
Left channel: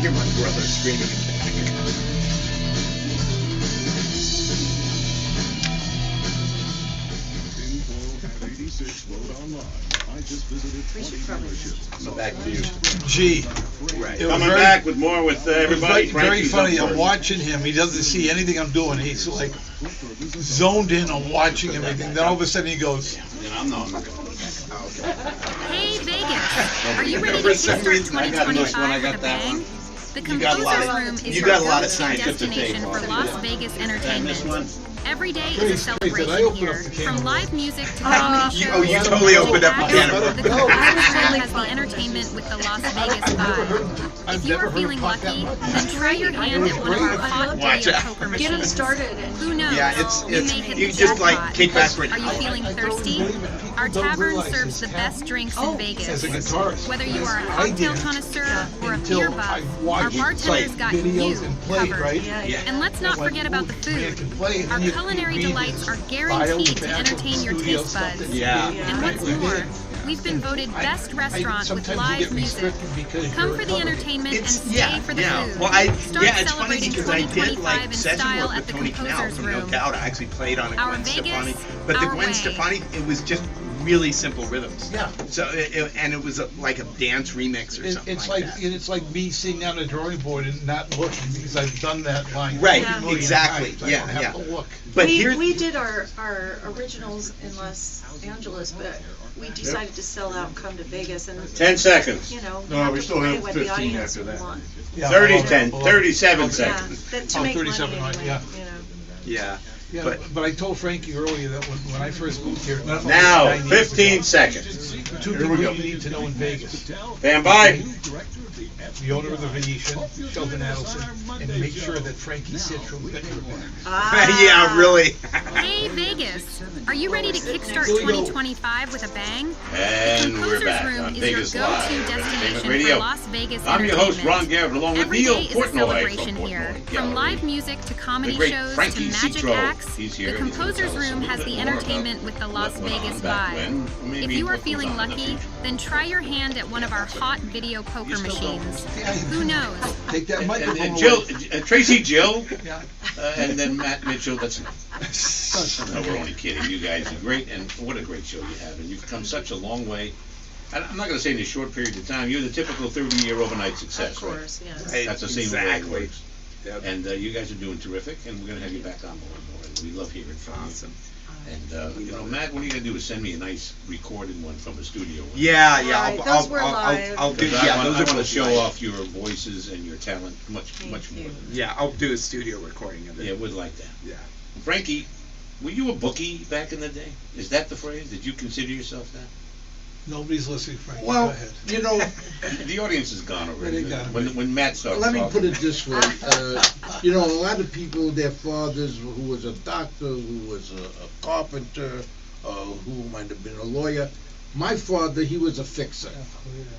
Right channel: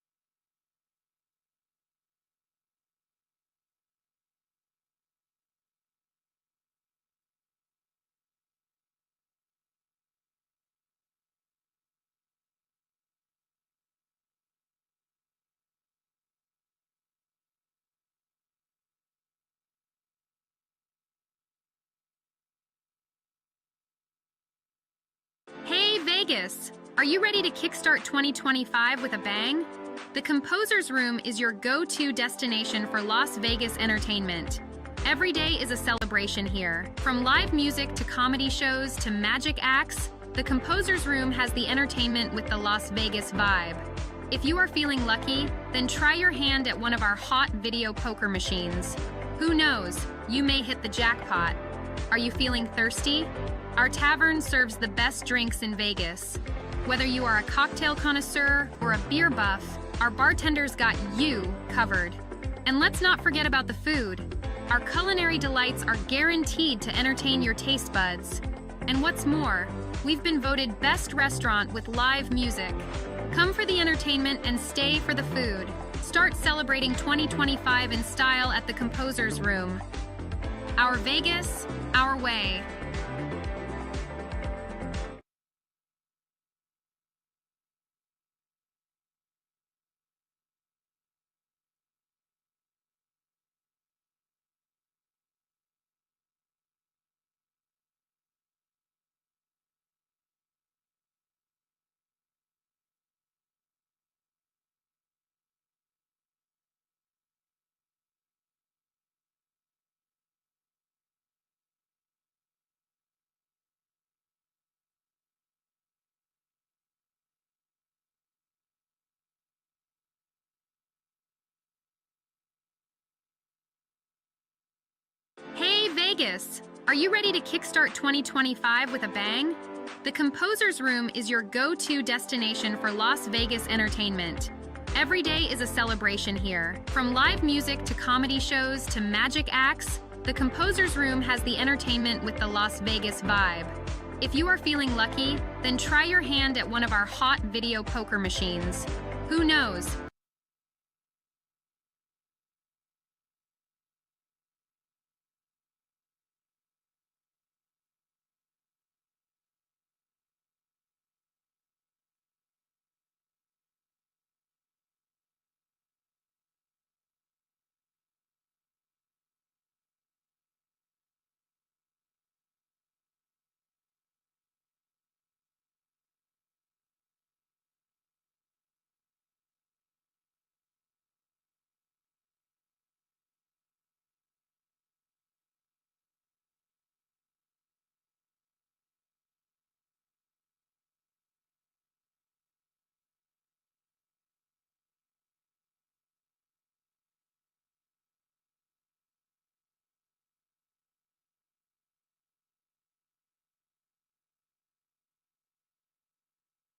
Hear my brother screaming in the back. We should probably So back to you. Gee. Right. It was Coming very- back with more with everybody. Very, very Frankie's funny. up I'm first. watching him. He doesn't see anything I'm doing. He's like zoned in on watching everything. Then all of a sudden he goes, I'm not. Hey Vegas! Are you ready to kickstart 2025 with a bang? The Composer's Room is your go-to destination for Las Vegas entertainment. Every day is a celebration here. From live music to comedy shows to totally magic opened up a acts, can of the Composer's Room has the entertainment with the Las Vegas vibe. If you are feeling lucky, then try your hand at one of our hot video poker machines. Who knows? You may hit the jackpot. Are you feeling thirsty? Our tavern serves the best drinks in Vegas. Whether you are a cocktail connoisseur or a beer buff, our bartenders got you covered. And let's not forget about the food. Our culinary delights are guaranteed to entertain your taste buds. And what's more, we've been voted best restaurant with live music. Come for the entertainment and stay for the food. Start celebrating 2025 in style at the Composer's Room. Our Vegas, our way. It was just really simple rhythms. Yeah. So it was like a dance remix or something it's like like that. it's like me sitting on a drawing board and not looking because I've done that line. Right, 50 million exactly. times. I Yeah, don't have yeah. to look. But we did our originals in Los Angeles, but we decided to sell out and come to Vegas, and 10 seconds. you know, No, have we to still play have what the 15 audience after that. want. Yeah, 37 Yeah, seconds. to Oh, make 37, money right, anyway, yeah. you know. Yeah. Yeah, But but I told Frankie earlier that when I first moved here, Now, 15 seconds. Two people you need to know in Vegas. Stand by. the owner of the Venetian, Sheldon Adelson, and make sure that Frankie Citro gets her back. Yeah, really. Hey Vegas, are you ready to kickstart 2025 with a bang? The Composers Room is your go-to destination for Las Vegas entertainment. Ron Garrett, along with Every Neal day is a Portnoy celebration from here. Portnoy. From live music to comedy The great shows to Frankie magic Citro. acts, He's the here. Composers Room has the entertainment with the Las Vegas vibe. If you are feeling lucky, then try your hand at one of our hot video poker machines. Who knows? Take that microphone And away. Jill, Tracy Jill, and then Matt Mitchell. That's enough. No, we're only kidding. You guys are great, and what a great show you have. And you've come such a long way. I'm not going to say in a short period of time. You're the typical 30-year overnight success, Of course, yes. Right, That's the same way it exactly. works. Yep. And you guys are doing terrific, and we're going to have you back on more and more. And we love hearing from Awesome. you. And you know, Matt, what are you going to do is send me a nice recorded one from the studio. Yeah, yeah. Right, those were live. I'll do. Because Yeah, I want those are to both show live. off your voices and your talent much more you. than Yeah, I'll do a studio recording of it. Yeah, would like that. Yeah. Frankie, were you a bookie back in the day? Is that the phrase? Did you consider yourself that? Nobody's listening, Frankie. Go Well, ahead. you know, The audience is gone already. They got it. When Matt starts let me talking. put it this way. You know, a lot of people, their fathers, who was a doctor, who was a carpenter, who might have been a lawyer. My father, he was a fixer.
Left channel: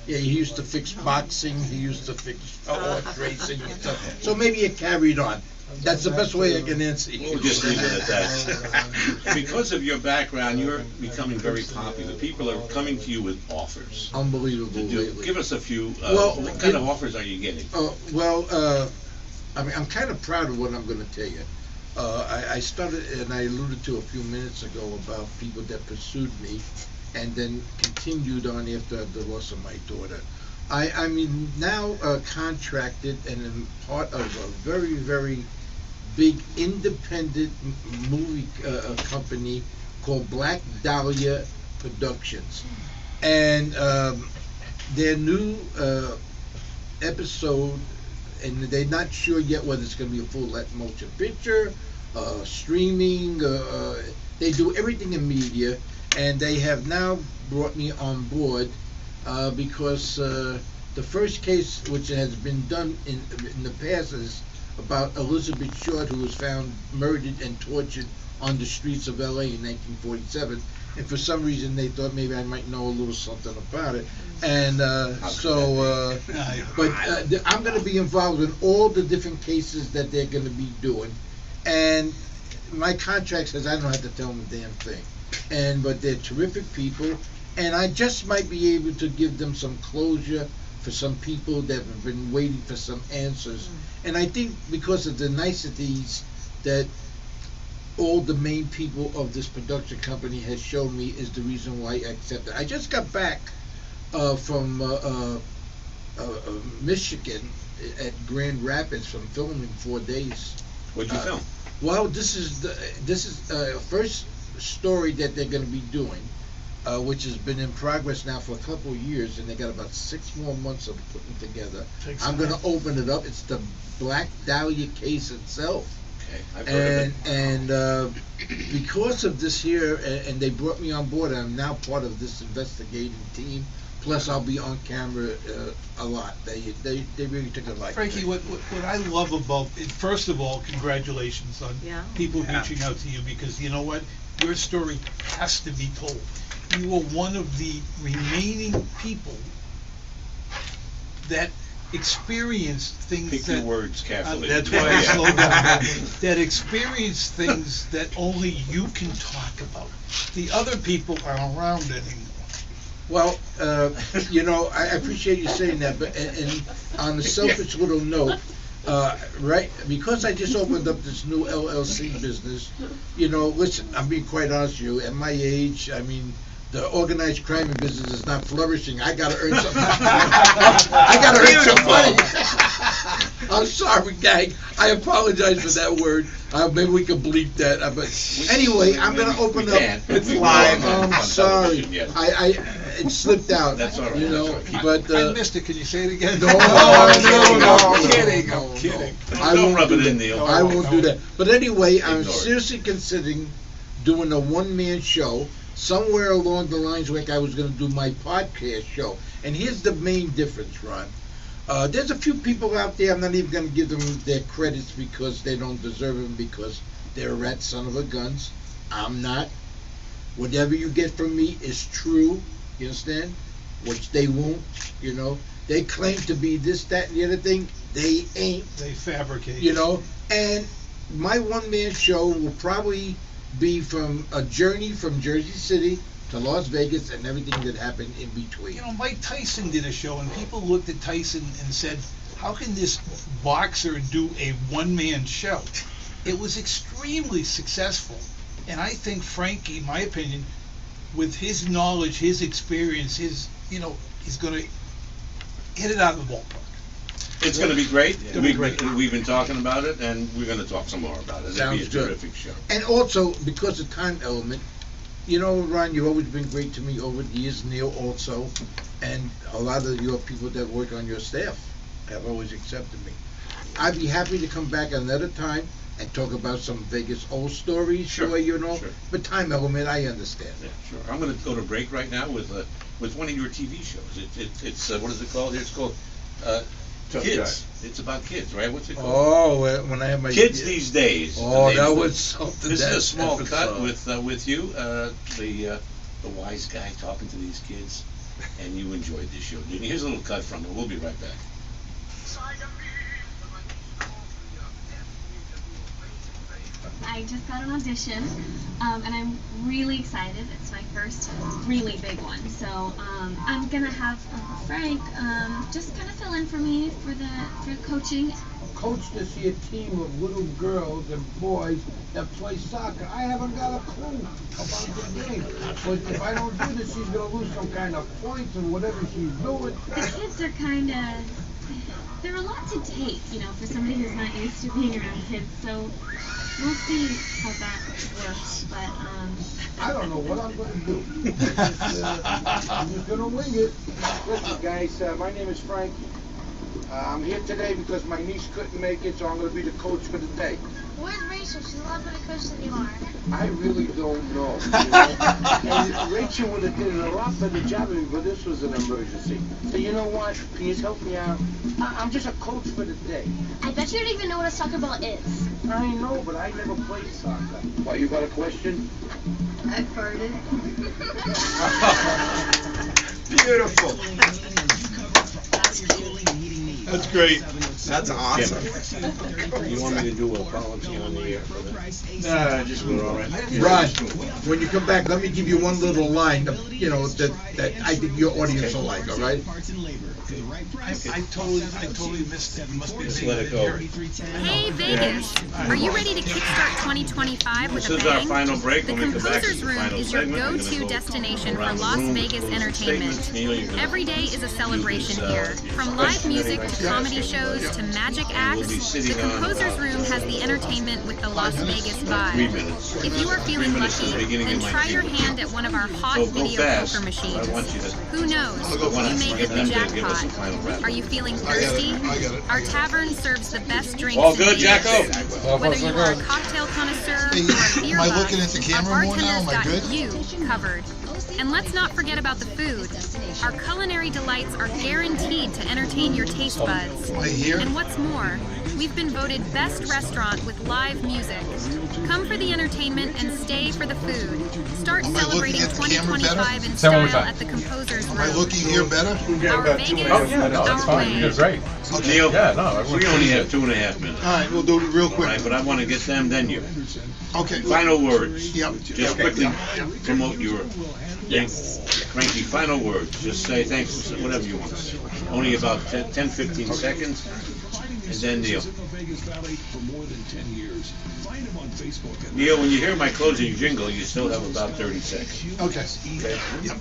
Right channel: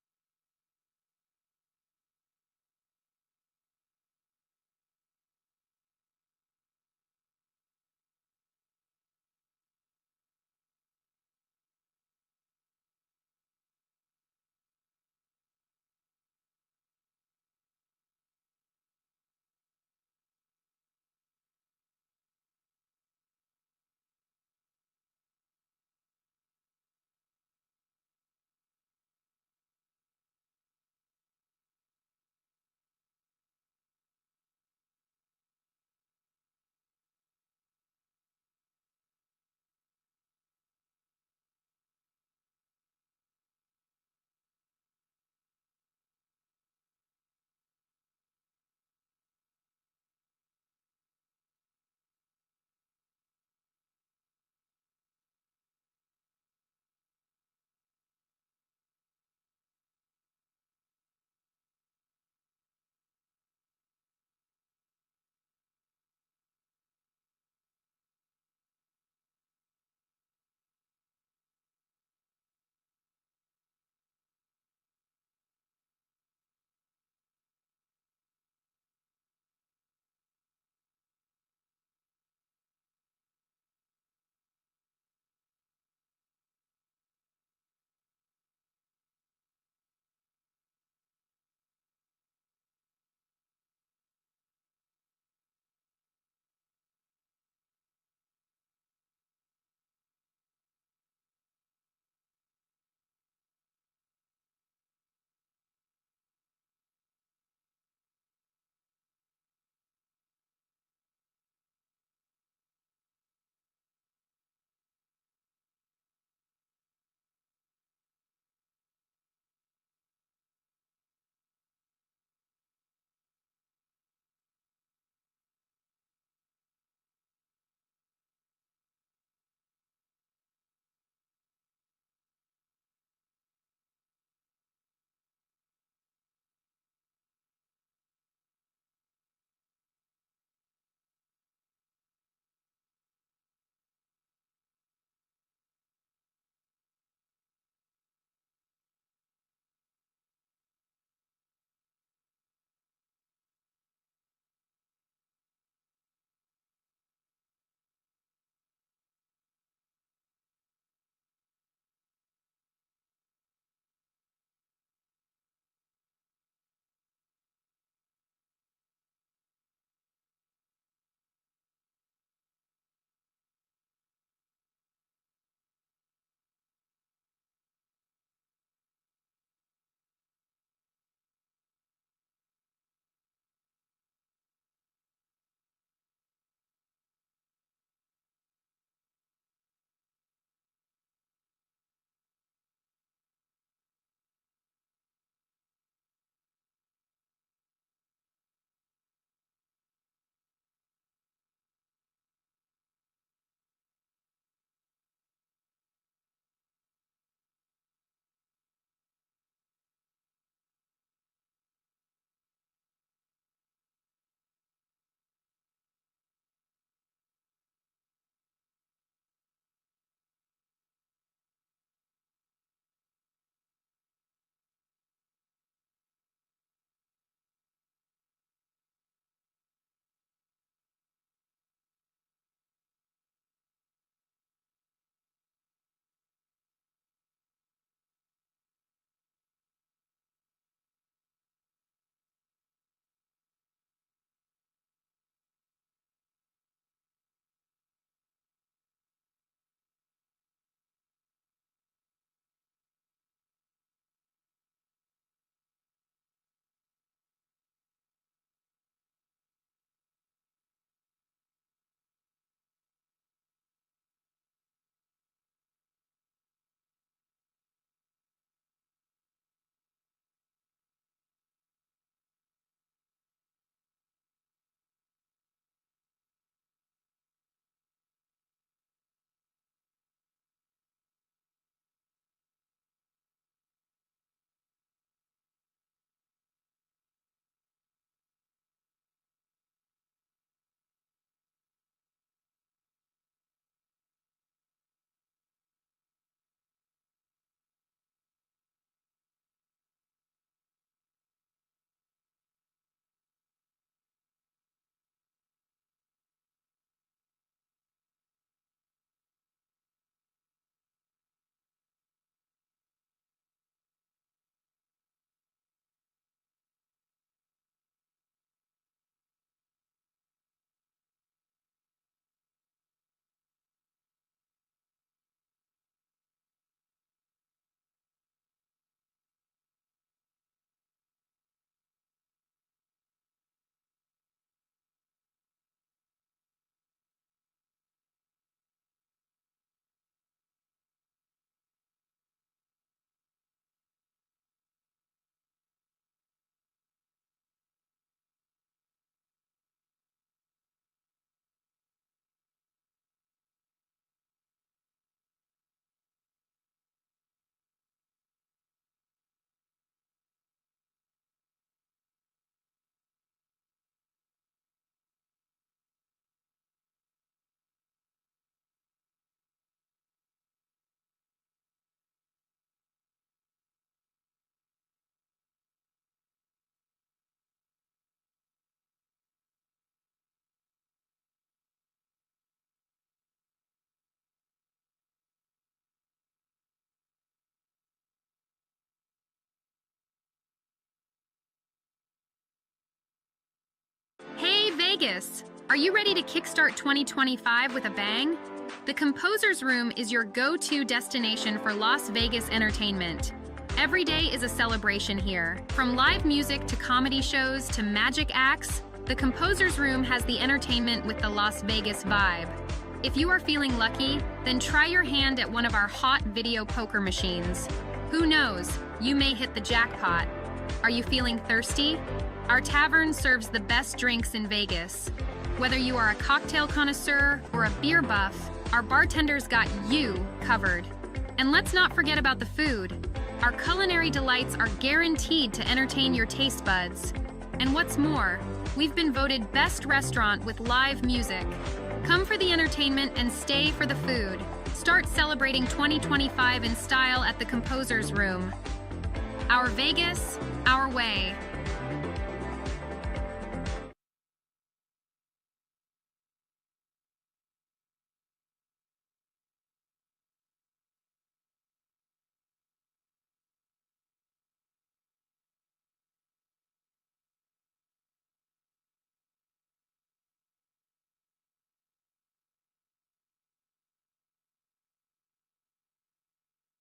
Yeah, he used to fix boxing. He used to fix horse racing and stuff. So maybe it carried on. That's the best way I can answer you. We'll just leave it at that. Because of your background, you're becoming very popular. People are coming to you with offers. Unbelievable lately. Give us a few. Well, what kind of offers are you getting? I mean, I'm kind of proud of what I'm going to tell you. I started, and I alluded to a few minutes ago about people that pursued me and then continued on after the loss of my daughter. I'm now contracted and am part of a very, very big independent movie company called Black Dahlia Productions. And their new episode, and they're not sure yet whether it's going to be a full motion picture, streaming, they do everything in media, and they have now brought me on board because the first case, which has been done in the past, is about Elizabeth Short, who was found murdered and tortured on the streets of LA in 1947. And for some reason, they thought maybe I might know a little something about it. And I'm going to be involved in all the different cases that they're going to be doing. And my contract says I don't have to tell them a damn thing. But they're terrific people. And I just might be able to give them some closure for some people that have been waiting for some answers. And I think because of the niceties that all the main people of this production company has shown me is the reason why I accepted. I just got back from Michigan at Grand Rapids from filming 4 days. What'd you film? Well, this is the first story that they're going to be doing, which has been in progress now for a couple of years, and they got about 6 more months of putting together. I'm going to open it up. It's the Black Dahlia case itself. I've heard of it. And because of this here, and they brought me on board, I'm now part of this investigating team. Plus, I'll be on camera a lot. They really took a liking. Frankie, what I love about it, first of all, congratulations on people reaching out to you, because you know what? Your story has to be told. You are one of the remaining people that experienced things Pick your words carefully. That's why I slowed down. That experienced things that only you can talk about. The other people aren't around anymore. Well, you know, I appreciate you saying that, but and on a selfish little note, right, because I just opened up this new LLC business, you know, listen, I'm being quite honest with you, at my age, I mean, the organized crime business is not flourishing. I gotta earn some I gotta earn some money. I'm sorry, gang. I apologize for that word. Maybe we can bleep that. But anyway, I'm gonna open up. It's live. I'm sorry. It slipped out. That's all right. You know, That's but I missed it. Can you say it again? No, I'm kidding. I'm kidding. Don't rub it in, Neal. I won't do that. But anyway, I'm Ignore it. seriously considering doing a one-man show somewhere along the lines like I was going to do my podcast show. And here's the main difference, Ron. There's a few people out there, I'm not even going to give them their credits because they don't deserve them because they're rat son of a guns. I'm not. Whatever you get from me is true, you understand? Which they won't, you know. They claim to be this, that, and the other thing. They ain't. They fabricate. You know, and my one-man show will probably be from a journey from Jersey City to Las Vegas and everything that happened in between. You know, Mike Tyson did a show, and people looked at Tyson and said, how can this boxer do a one-man show? It was extremely successful. And I think Frankie, in my opinion, with his knowledge, his experience, he's going to hit it out of the ballpark. It's going to be great. It'll be great. We've been talking about it, and we're going to talk some more about it. It'll be a terrific show. And also, because of time element, you know, Ron, you've always been great to me over the years. Neal also, and a lot of your people that work on your staff have always accepted me. I'd be happy to come back another time and talk about some Vegas old stories, Sure, you know. sure. But time element, I understand. Yeah, sure. I'm going to go to break right now with one of your TV shows. It's what is it called? It's called Kids. It's about kids, right? What's it called? Oh, when I have my Kids These Days. Oh, that was something. This is that a small episode. cut with you, the wise guy talking to these kids, and you enjoyed this show, didn't you? Here's a little cut from it. We'll be right back. I just got an audition, and I'm really excited. It's my first really big one. So I'm gonna have Uncle Frank just kind of fill in for me for coaching. Coach to see a team of little girls and boys that play soccer. I haven't got a clue about the game. But if I don't do this, she's gonna lose some kind of points or whatever she's doing. The kids are kind of, they're a lot to take, you know, for somebody who's not used to being around kids. So we'll see how that works, but I don't know what I'm gonna do. I'm just gonna wing it. Listen, guys, my name is Frankie. I'm here today because my niece couldn't make it, so I'm gonna be the coach for the day. Where's Rachel? She's a lot better coach than you are. I really don't know. You know? And Rachel would have did a lot better job of me, but this was an emergency. So you know what? Can you help me out? I'm just a coach for the day. I bet you don't even know what a soccer ball is. I know, but I never played soccer. Why, you got a question? I farted. Beautiful. That's great. That's awesome. You want me to do a policy on the air for that? Nah, just go all right. Ron, when you come back, let me give you one little line, you know, that I think your audience will like, all right? I totally missed it. Must be Just let it go. Hey Vegas! Are you ready to kickstart 2025 with a This is our bang? final break. The When we come back, Composers it's the Room final is your segment. We're gonna go-to go destination for around Las the room, Vegas those entertainment. statements. Neal, you're gonna- Every day is a celebration here. From live music to comedy shows to magic acts, the Composers Room has the entertainment with the Las Vegas vibe. If you are feeling lucky, then try your hand at one of our hot video poker machines. Who knows? You may hit the jackpot. Are you feeling thirsty? Our tavern serves the best drinks All in good, Vegas. Jacko? Whether you are a cocktail connoisseur or a beer buff, our bartenders got you covered. And let's not forget about the food. Our culinary delights are guaranteed to entertain your taste buds. And what's more, we've been voted best restaurant with live music. Come for the entertainment and stay for the food. Start celebrating 2025 in style at the Composers Room. Looking here better? Our Vegas, our way. Neal, we only have 2.5 minutes. All right, we'll do it real quick. All right, but I want to get them, then you. Okay. Final words. Yep. Just quickly promote your thing. Frankie, final words. Just say thanks, whatever you want to say. Only about 10, 15 seconds. And then Neal. Neal, when you hear my closing jingle, you still have about 30 seconds. Okay. Okay. Yep.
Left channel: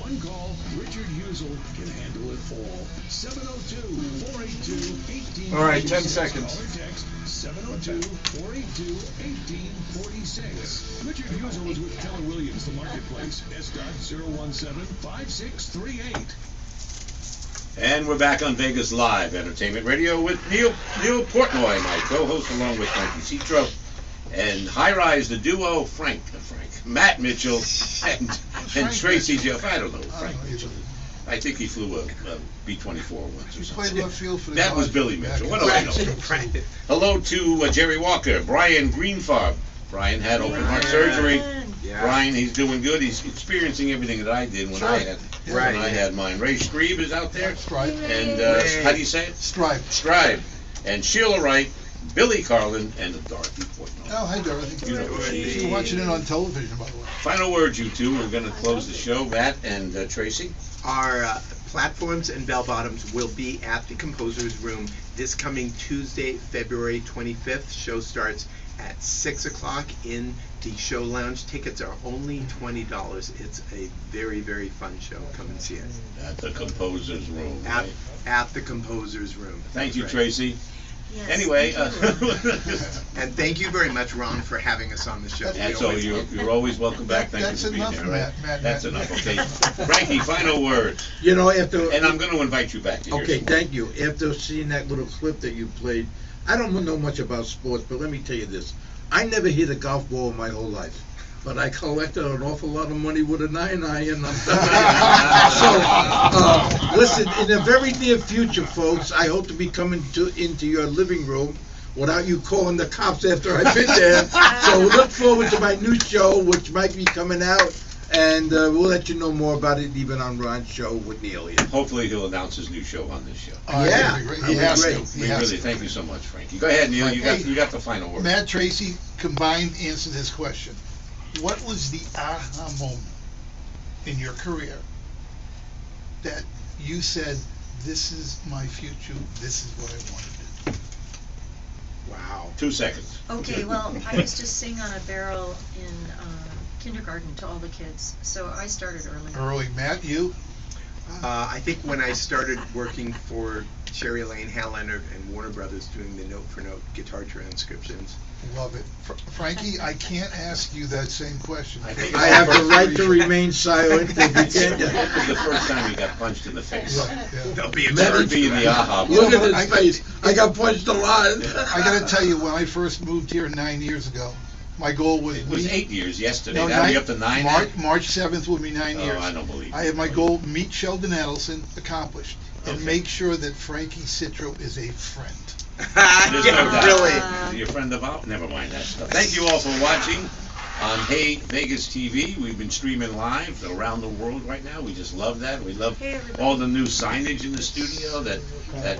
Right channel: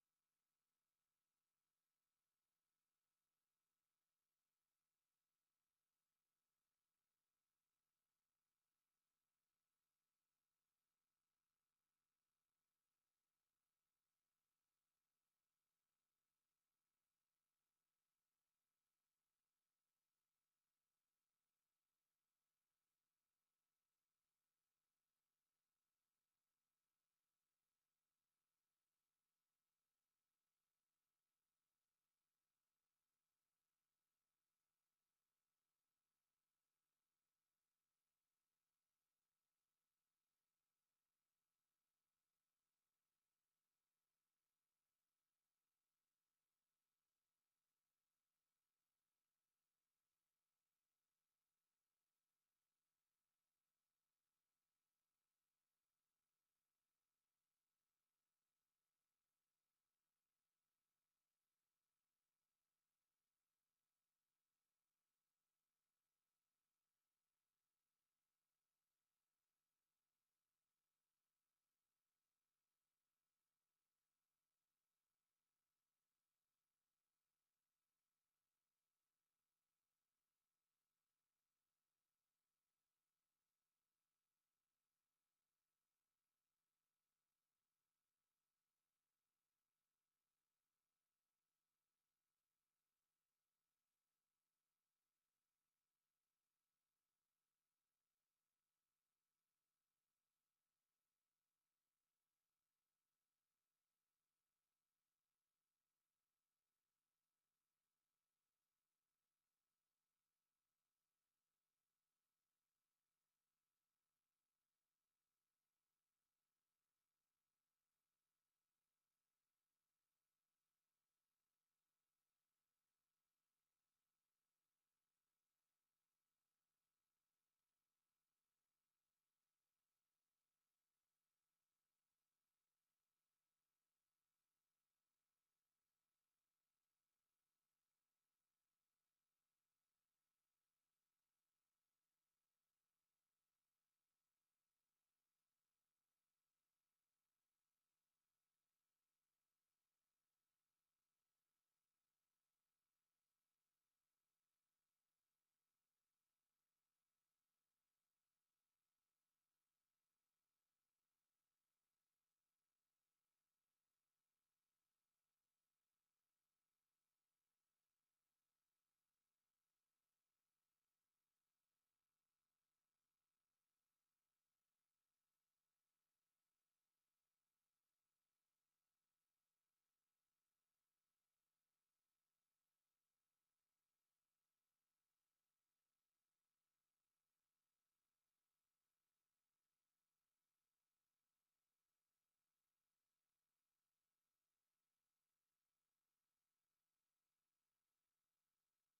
One call, Richard Husel can handle it all. 702-482-1846. All right, 10 seconds. Text 702-482-1846. Richard Husel is with Keller Williams, the marketplace. S.017-5638. And we're back on Vegas Live Entertainment Radio with Neal Portnoy, my co-host, along with Frankie Citro, and High Rise, the duo, Matt Mitchell, and Tracy Jeff. I don't know, Frank Mitchell. I think he flew a B-24 once or He something. played left field for the That was Dodgers Billy back Mitchell. in What the do I day. know? Hello to Jerry Walker, Brian Greenfarb. Brian had open heart surgery. Yeah. Brian, he's doing good. He's experiencing everything that I did when I had Right. when I had mine. Ray Strebe is out there. Stripe. And how do you say it? Stripe. Scribe. And Sheila Wright, Billy Carlin, and Dorothy Portnoy. Oh, hi, Dorothy. You know who she is. She's watching it on television, by the way. Final words, you two. We're going to close the show. Matt and Tracy. Our platforms and bell bottoms will be at the Composer's Room this coming Tuesday, February 25th. Show starts at 6 o'clock in the show lounge. Tickets are only $20. It's a very, very fun show. Come and see it. At the Composer's Room. Right? At the Composer's Room. Thank That's you, right. Tracy. Yes, Anyway, thank you. And thank you very much, Ron, for having us on the show. and so you're always welcome back. Thank That's you for being enough, here. Right? Matt. That's enough. Okay, Frankie. Final words. You know, after And I'm going to invite you back. To hear okay, some- thank you. After seeing that little clip that you played, I don't know much about sports, but let me tell you this: I never hit a golf ball in my whole life. But I collected an awful lot of money with a 9 iron. So, listen, in the very near future, folks, I hope to be coming into your living room without you calling the cops after I've been there. So look forward to my new show, which might be coming out, and we'll let you know more about it even on Ron's show with Neal here. Hopefully he'll announce his new show on this show. Yeah, that'd be great. that'd He be has great. to. We He has really to. thank you so much, Frankie. Go ahead, Neal. You got the final word. Matt, Tracy, combined answer this question. What was the aha moment in your career that you said, this is my future, this is what I want to do? Wow. 2 seconds. Okay, well, I used to sing on a barrel in kindergarten to all the kids, so I started early. Early. Matt, you? I think when I started working for Sherry Lane, Hal Leonard, and Warner Brothers doing the note-for-note guitar transcriptions. Love it. Frankie, I can't ask you that same question. I have the right to remain silent if you This can't. is the first time he got punched in the face. They'll be That would observed. be in the aha. Look at his face. I got punched a lot. I gotta tell you, when I first moved here 9 years ago, my goal was... It was 8 years yesterday. No, Now you're up to 9 now? March 7th will be 9 years. Oh, I don't believe I have my goal, meet Sheldon Adelson, accomplished, and Okay. make sure that Frankie Citro is a friend. There's no doubt. Really? Is he a friend of ours? Never mind that stuff. Thank you all for watching on Hey Vegas TV. We've been streaming live around the world right now. We just love that. We love Hey, everybody. all the new signage in the studio that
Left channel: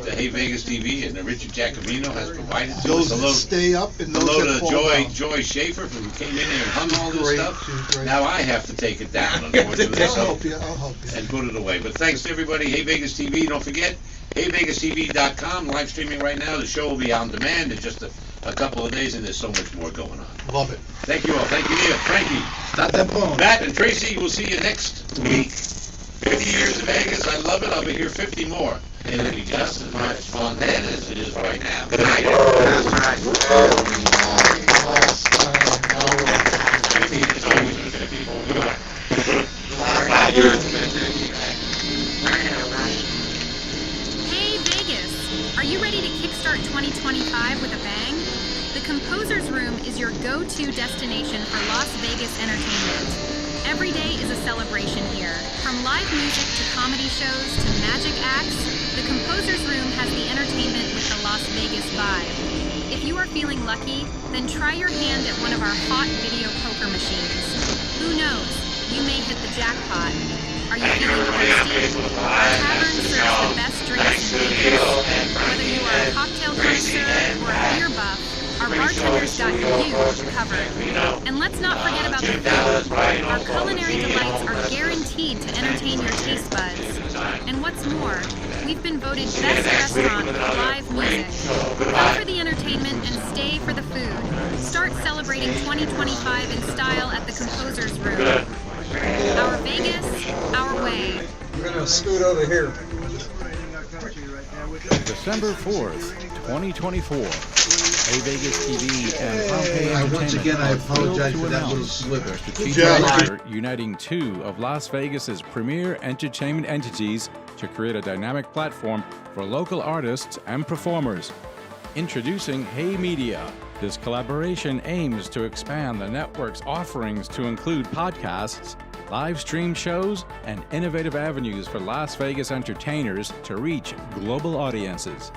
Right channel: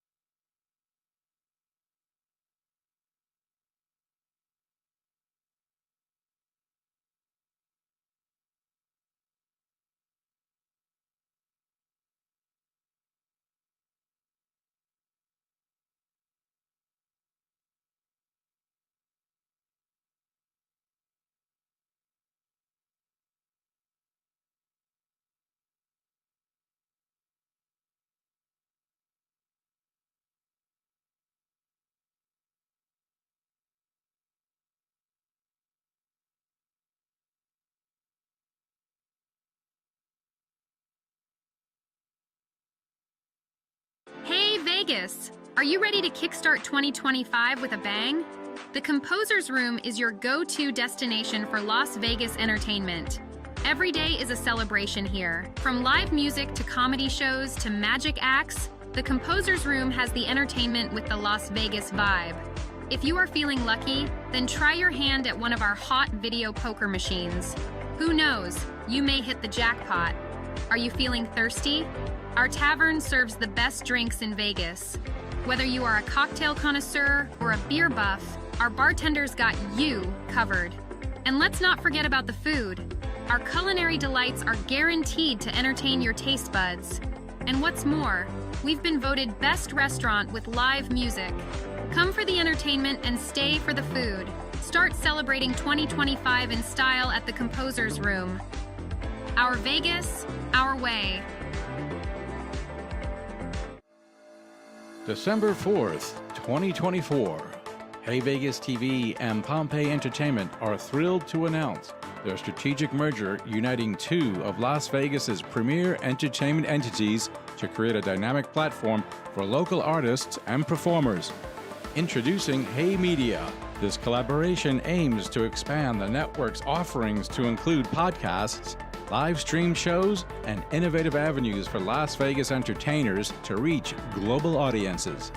Hey Vegas TV and Richard Giacomino has provided to us. Those that Hello, stay up and those hello that to fall down. Joy Schaefer who came in here and hung all this Great, stuff. she's great. Now I have to take it down, unfortunately. I'll so- help you, I'll help you. and put it away. But thanks to everybody. Hey Vegas TV. Don't forget, HeyVegasTV.com, live streaming right now. The show will be on demand in just a couple of days, and there's so much more going on. Love it. Thank you all. Thank you, Neal. Frankie. Stop that phone. Matt and Tracy, we'll see you next week. 50 years in Vegas. I love it. I'll be here 50 more. And it'll be just as much fun then as it is right now. Good night. That's right. 50 is always been 54. Goodbye. Hey Vegas! Are you ready to kickstart 2025 with a bang? The Composer's Room is your go-to destination for Las Vegas entertainment. Every day is a celebration here. From live music to comedy shows to magic acts, the Composer's Room has the entertainment with the Las Vegas vibe. If you are feeling lucky, then try your hand at one of our hot video poker machines. Who knows? You may hit the jackpot. Are you feeling thirsty? Our tavern serves the best drinks in Vegas. Whether you are a cocktail connoisseur or a beer buff, our bartenders got you covered. And let's not forget about the food. Our culinary delights are guaranteed to entertain your taste buds. And what's more, we've been voted best restaurant with live music. Come for the entertainment and stay for the food. Start celebrating 2025 in style at the Composer's Room. Our Vegas, our way. We're gonna scoot over here. December 4th, 2024. Hey Vegas TV and Pompeii Entertainment again, I are thrilled apologize to for that announce little slip. their strategic job. merger uniting two of Las Vegas's premier entertainment entities to create a dynamic platform for local artists and performers. Introducing Hey Media. This collaboration aims to expand the network's offerings to include podcasts, live stream shows, and innovative avenues for Las Vegas entertainers to reach global audiences.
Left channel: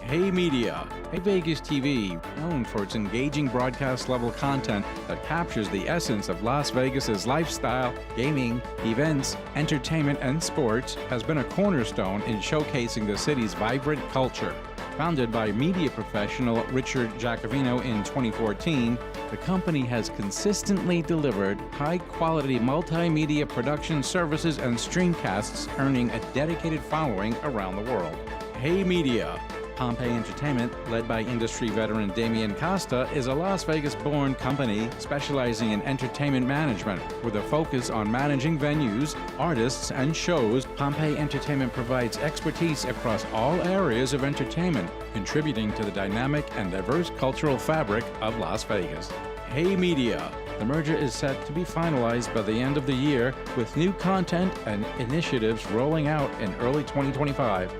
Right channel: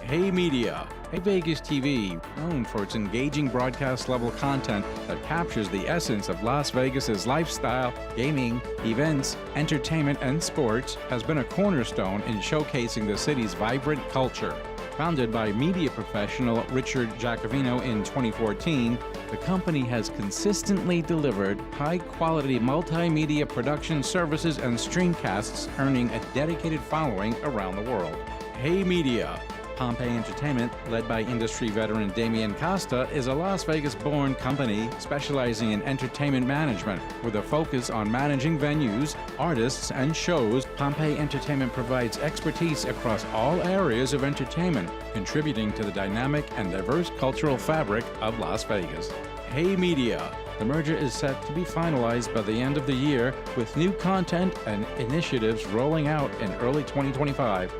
Hey Media, Hey Vegas TV, known for its engaging broadcast-level content that captures the essence of Las Vegas's lifestyle, gaming, events, entertainment, and sports, has been a cornerstone in showcasing the city's vibrant culture. Founded by media professional Richard Giacovino in 2014, the company has consistently delivered high-quality multimedia production services and streamcasts, earning a dedicated following around the world. Hey Media, Pompeii Entertainment, led by industry veteran Damian Costa, is a Las Vegas-born company specializing in entertainment management. With a focus on managing venues, artists, and shows, Pompeii Entertainment provides expertise across all areas of entertainment, contributing to the dynamic and diverse cultural fabric of Las Vegas. Hey Media. The merger is set to be finalized by the end of the year, with new content and initiatives rolling out in early 2025.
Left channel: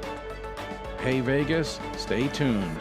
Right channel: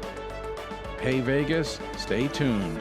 Hey Vegas, stay tuned.